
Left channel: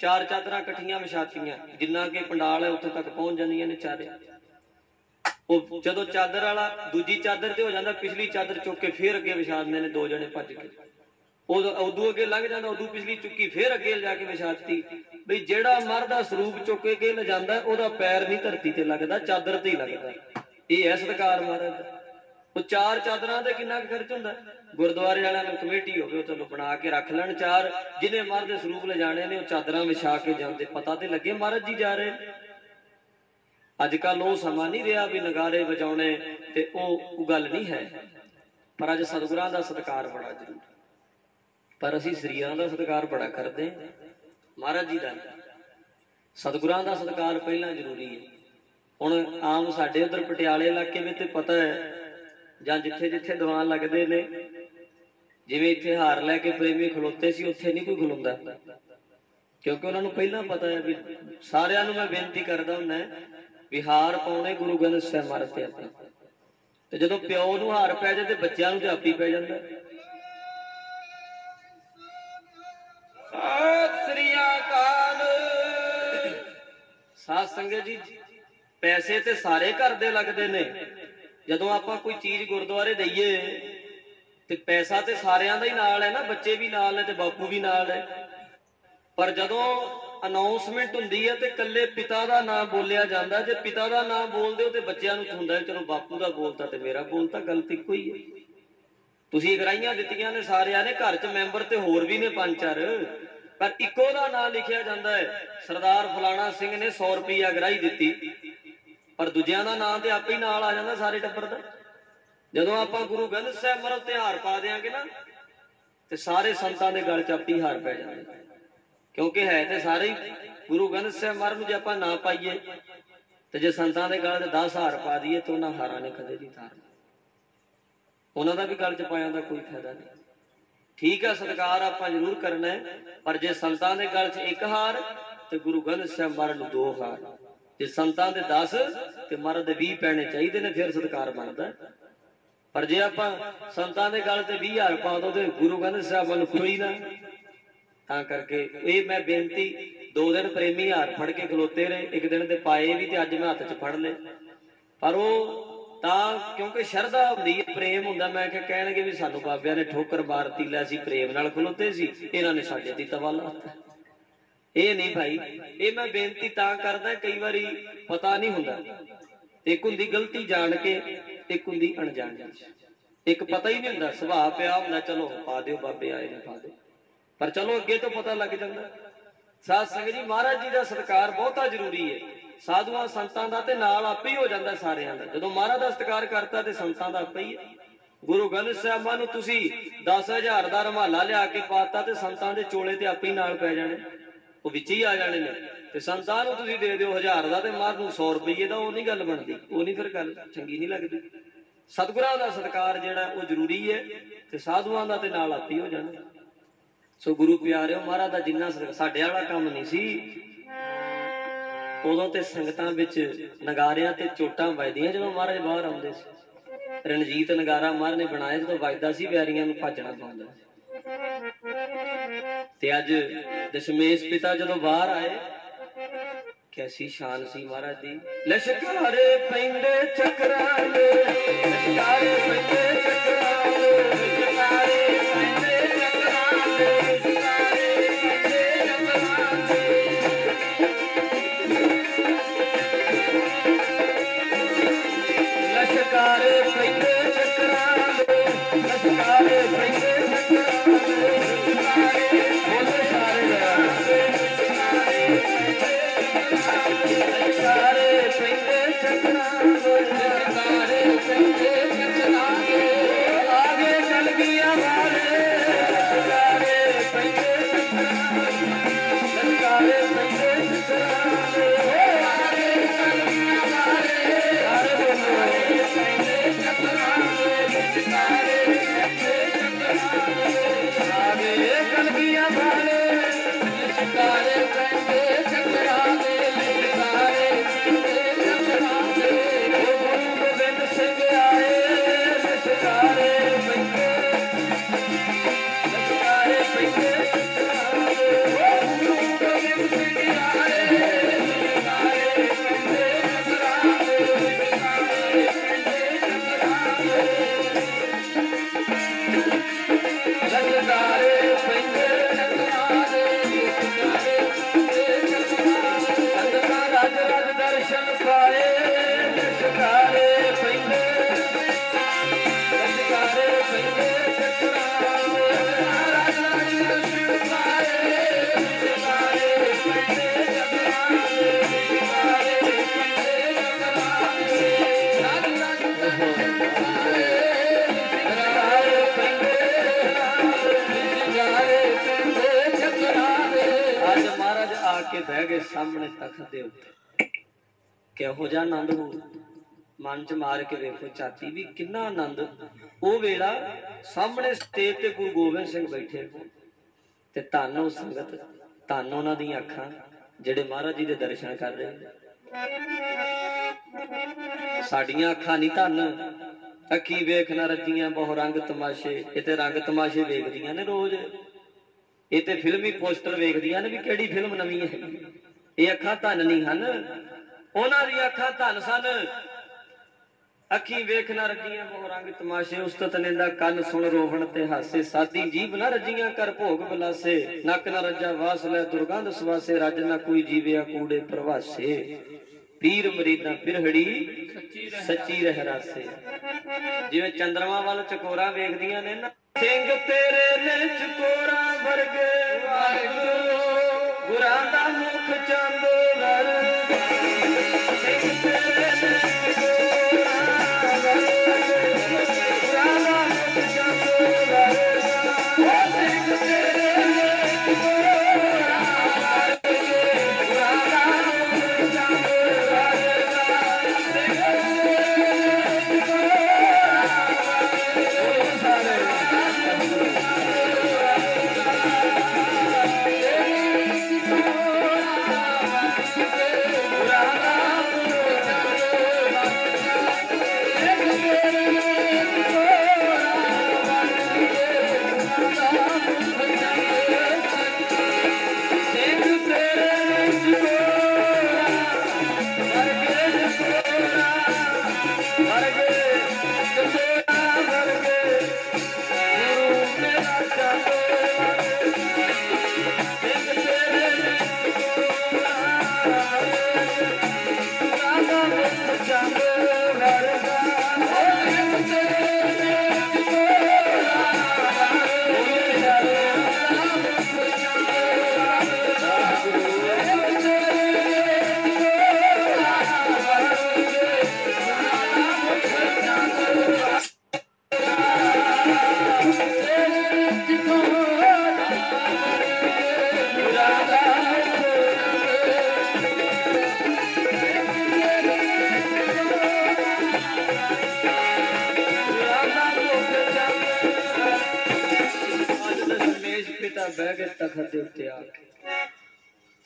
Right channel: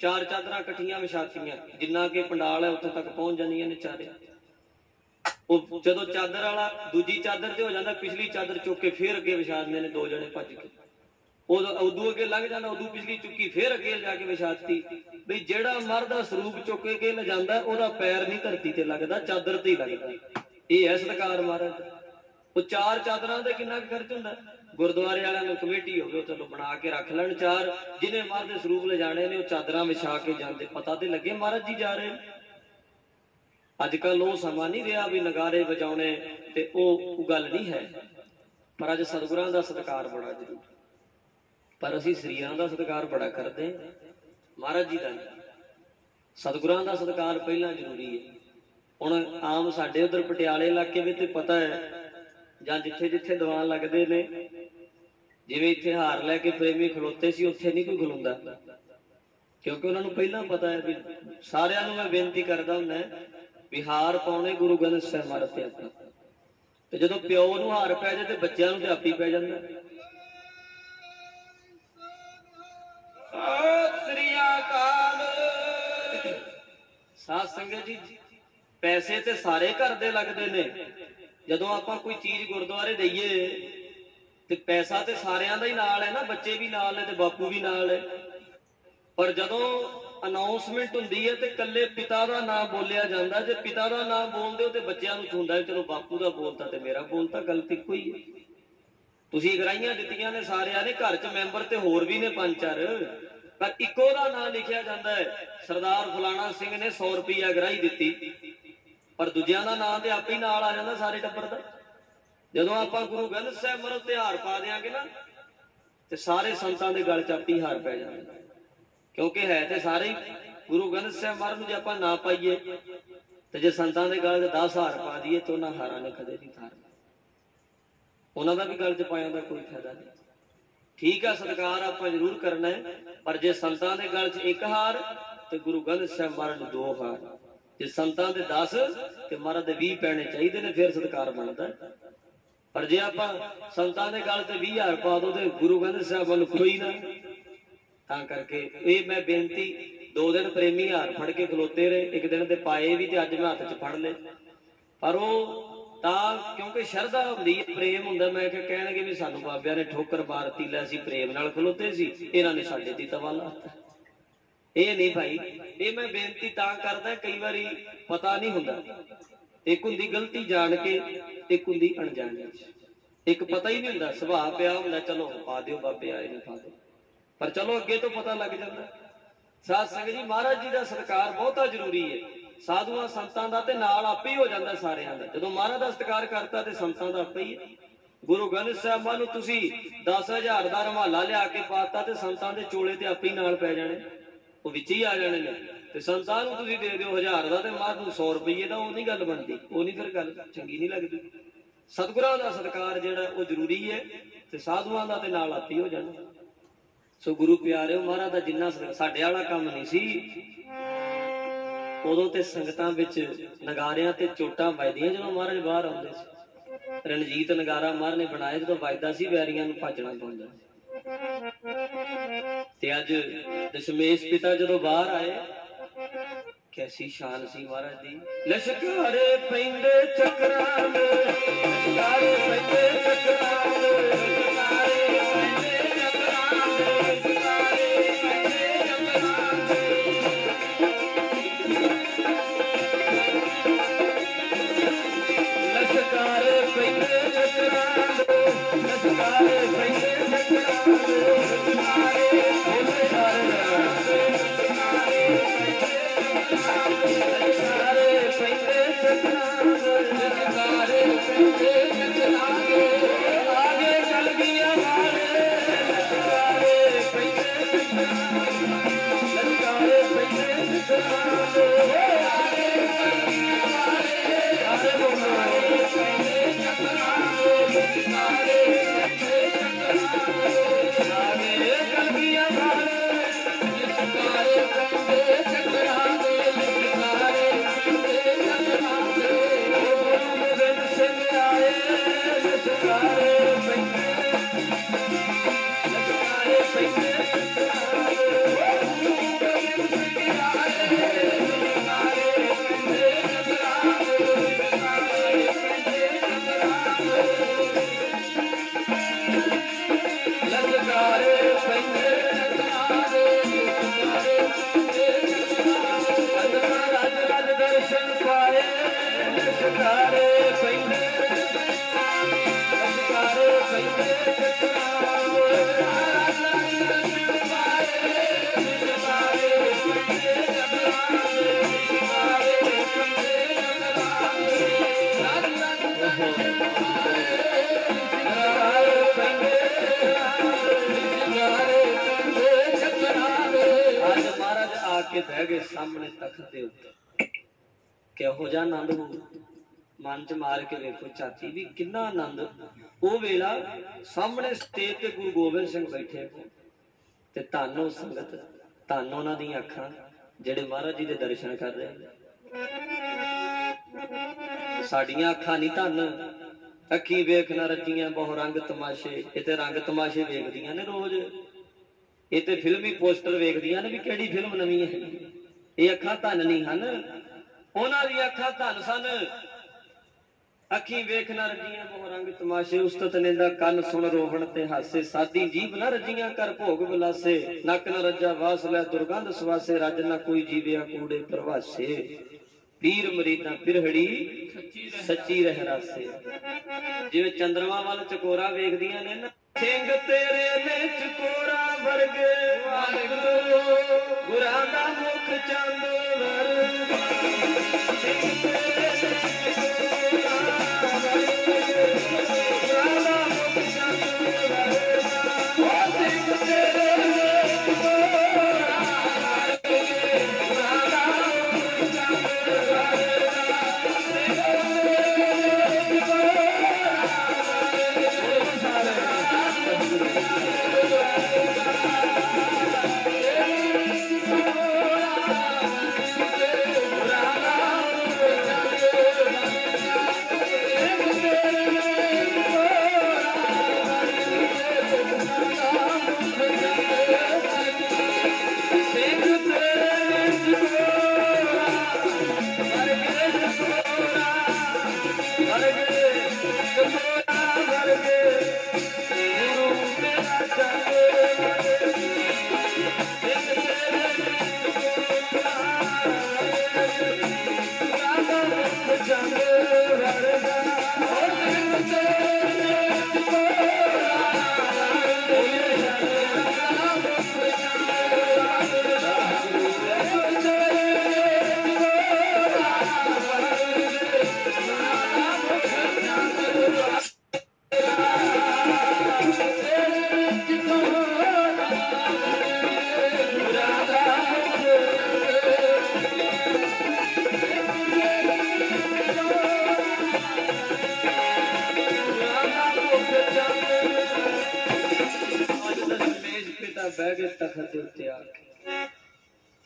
4 चादरां इकट्ठियां विछातीਆਂ, जिन्ना कि पंडाल है उत्थे तक पहुंच जांदियां ने चारे। ਉਹ ਜਦੋਂ ਚਾਦਰ ਵਾਲਾ ਦੂਜੀ ਚਾਦਰ ਤੇ ਹੋ ਜਾਂਦਾ, ਪਿਛਲੀ ਚਾਦਰ ਚੁੱਕ ਕੇ ਫੇਰ ਅੱਗੇ ਵਿਛਾ ਦਿੰਦੇ ਨੇ 2 ਜਣੇ ਭੱਜ ਕੇ। ਉਦੋਂ ਅੱਗੇ ਲੰਘ ਜਾਂਦਾ, ਉਦੋਂ ਪਿਛਲੀ ਚੁੱਕੀ ਫੇਰ ਅੱਗੇ ਲਿਜਾ ਕੇ ਵਿਛਾਤੀ। ਬਈ ਜਿਹੜਾ ਮਰਦ ਦਾ ਸਰੂਪ ਚੁੱਕ ਕੇ ਲਿਜਾਂਦਾ ਉਹਦਾ ਪੈਰ ਨਹੀਂ ਧਰਤੀ ਤੇ ਲੱਗਦਾ, ਚਾਦਰ ਤੇ ਹੀ ਲੱਗਦਾ। ਇਹ ਹੈ ਸਤਿਕਾਰ ਮਹਾਰਾਜ ਦਾ। ਉਹ 4 ਚਾਦਰਾਂ ਤੇ ਕਿੰਨਾ ਖਰਚ ਹੁੰਦਾ? ਗੁਰਦੁਆਰੇ ਵਾਲਿਆਂ ਨੂੰ ਕਮੇਟੀ ਹੋਵੇ, ਉਹ ਚਲੋ ਬਣਾ ਕੇ ਰੱਖ ਲੈਣ 4, ਜਿਹਨੇ ਮਰਦ ਦੇ ਸਰੂਪ ਲਿਜਾਣੇ ਨੇ ਉਹ ਚਾਦਰਾਂ ਵਿਛਾ ਕੇ ਜਾਂਦੇ, ਪਤਾ ਤੇ ਲੱਗੇ ਮਹਾਰਾਜ ਜੀ ਜਾ ਰਹੇ। अजकल वो समा नहीं रहा भी नगारे बजाने, ते वो गल नहीं है, पर अज सतगुरां दा सत्कार बड़ा जरूरी। पर असी सरीरां दा सत्कार बड़ा करते, महाराज जी का सतगुरां दा सत्कार पहला जरूरी है। हुण आम साडे उधर पटियाले इलाके में तो पता है, जां जिथे जिथे दीवान लगते ने, जिवें इत्थे हार लैके प्रेमी खलोते सी, उत्थे नहीं कोई खलोंदा, क्योंकि उन्होंने पहला पता है भी सारिਆਂ ਨੂੰ मैं बेनती करदा हुंदा भी हार पाउणे गुरु ग्रंथ ਸਾਹਿਬ ਮਰ ते आपां, ते जदों प्यो नूं हार पै जाए ते बच्चिਆਂ ਨੂੰ ते आपी पै जांदा। साध संगत जी, पैसे ते सारे घर दे लगदे ने, जदों आपां कोई चीज गुरुद्वारे दईए ते पैसा ते सारिਆਂ ਦਾ ही नाल है ना, बच्चे भी नाल है ते बापू भी नाल है। पर जदों अनाउंसमेंट हुंदी है ते कल्ले पिता दा नाम बोलिया जांदा, जे पिता दा नाम बोलदे हो ते बच्चिਆਂ ਨੂੰ हुंदा चलो बापू दा बोलता ते मेरा बोलता, गलत इक्को ही है। तुसीं गराहियां दित्तियां ने सारिਆਂ ने, घर च मैंबर ते होर भी ने 5-4, पर इक्को दा नाम लिखिया जांदा है, सरदार फलाना सिंह ने 100 रुपया गराही दित्ती, पर दूजिਆਂ ਦਾ नाम ते आपे ही नाल आ जांदा सारे टब्बर दा। जदों आपां गुरु ग्रंथ ਸਾਹਿਬ मरल ते हार पा देंगे ना, ते सारे संतां दे गल च आपे ही हार पै जांदा, क्योंकि है तो सारे गुरु ग्रंथ ਸਾਹਿਬ ਮਹਾਰਾਜ ਨੂੰ जे आपां ना पाईए ते जे संतां दे गल 10 हार पा दईए तो उन्हां हारां ने कदे नहीं तारना, उन्हां दा भी गल च पाया दा कोई फायदा नहीं। ठीक है, सत्कार आपां जरूर करना है, पर जे संतां दे गल च 1 हार ते गुरु ग्रंथ ਸਾਹਿਬ ਮਹਾराज ਨੂੰ 2 हार, जे संतां दे 10 ते महाराज दे 20 पैने चाहिए ने, फिर सत्कार बनदा। पर जे आपां संतां दे गल ते 20 हार पा दो ते गुरु ग्रंथ ਸਾਹਿਬ ਵੱਲ कोई ना। तां करके ये मैं बेनती, 2 दिन प्रेमी हाथ फड़ के खलोते रहे, 1 दिन ते पाए भी ते अज मैं हाथ च फड़ ले, पर वो तां क्योंकि शरधा हुंदी है, प्रेम हुंदा। मैं क्या कहणगे भी सानू बाबियां ने ठोकर मारती, लै असीं प्रेम नाल खलोते सी, इन्हां ने साडे ते तवा लाता। ये नहीं भाई, ये मैं बेनती तां करदा, कई वारी पता नहीं हुंदा, एक हुंदी गलती जान के, एक हुंदी अणजाने, एक पता ही नहीं हुंदा, सुभाऽ पिया हुंदा, चलो पा दिओ बाबे आए ने पा दिओ, पर चलो अगे तो पता लग जाता। साध संगत जी, महाराज जी का सत्कार बहुत जरूरी है। साधुआं संतां दा ते नाल आपे ही हो जाता सारियां दा, जदों महाराज का सत्कार करता ते संतां दा आपे ही है। गुरु ग्रंथ ਸਾਹਿਬ नूं तुसीं 10,000 दा रमाला लिया के पाता ते संतां दे चोले ते आपे ही नाल पै जाणे, वो विच ही आ जाणे ने, ते संतां नूं तुसीं दे दिओ 1000 दा ते महाराज नूं 100 रुपये दा, वो नहीं गल बनदी, वो नहीं फिर गल चंगी नहीं लगदी। सतगुरां दा सत्कार जिहड़ा वो जरूरी है, ते साधुआं दा ते नाल आपे ही हो जाणे। सो गुरु प्यारे, महाराज का जिन्ना साडे वाला काम नहीं सी, उदों ते संगतां विच नगारियां ते चोटां वजदियां जदों महाराज बाहर आउंदे सी। रणजीत नगारा महाराज ने बनाया, जदों वजदा सी बैरियां नूं भजना पाउंदा। ते अज दशमेश पिता जदों बाहर आए, कैसी शान सी महाराज दी। लश्कारे पैंदे चक्रां दे, लश्कारे पैंदे चक्रां दे, लश्कारे पैंदे चक्रां दे, लश्कारे पैंदे चक्रां दे, लश्कारे पैंदे चक्रां दे, आगे चल गया वाले, लश्कारे पैंदे चक्रां दे, लश्कारे पैंदे चक्रां तखत दे उत्ते किहो जिहा आनंद हो मन च मार के देखो चाची भी कितना आनंद वो वेला सामने स्टेज ते गुरु गोबिंद सिंह बैठे ते धन हो संगत धन उन्हां दी अखां जिहड़े महाराज जी दे दर्शन कर रहे साडियां अखां नहीं धन अखी वेख ना रजियां बहु रंग तमाशे ये ते रंग तमाशे वेखदियां ने रोज ये ते फिल्मी पोस्टर वेखदियां ने भी किहड़ी फिल्म नवीं है ये अखां धन नहीं हन उन्हां दी अखां धन सन अखी वेख ना रजियां बहु रंग तमाशे उस्तत निंदा कन सुन रोवण ते हासे सादी जीभ ना रजियां कर भोग बलासे नक ना रजा वास लै दुर्गंध सुवासे रज ना कोई जीविया कूड़े प्रवासे पीर मरीदा पिरहड़ी सच्ची रह रासे जिवें चंद्रमा वाल चकोरा वेखदियां ने ना सिंह तेरे ने चकोरा वर्गे वाहिगुरू गुरां दा मुख चंद वर्गे सिंह तेरे ने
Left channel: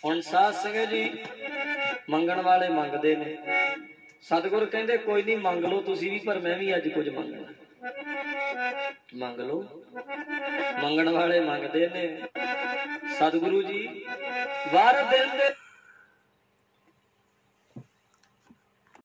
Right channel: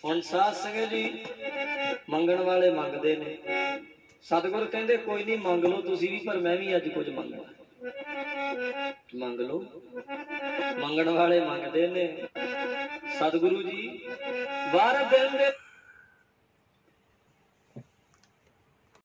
हुण साध संगत जी मंगण वाले मंगते ने सतगुरु कहते कोई नहीं मंग लो तुसी भी पर मैं भी अज कुछ मंगना मंग लो मंगण वाले मंगते ने सतगुरु जी वार दिन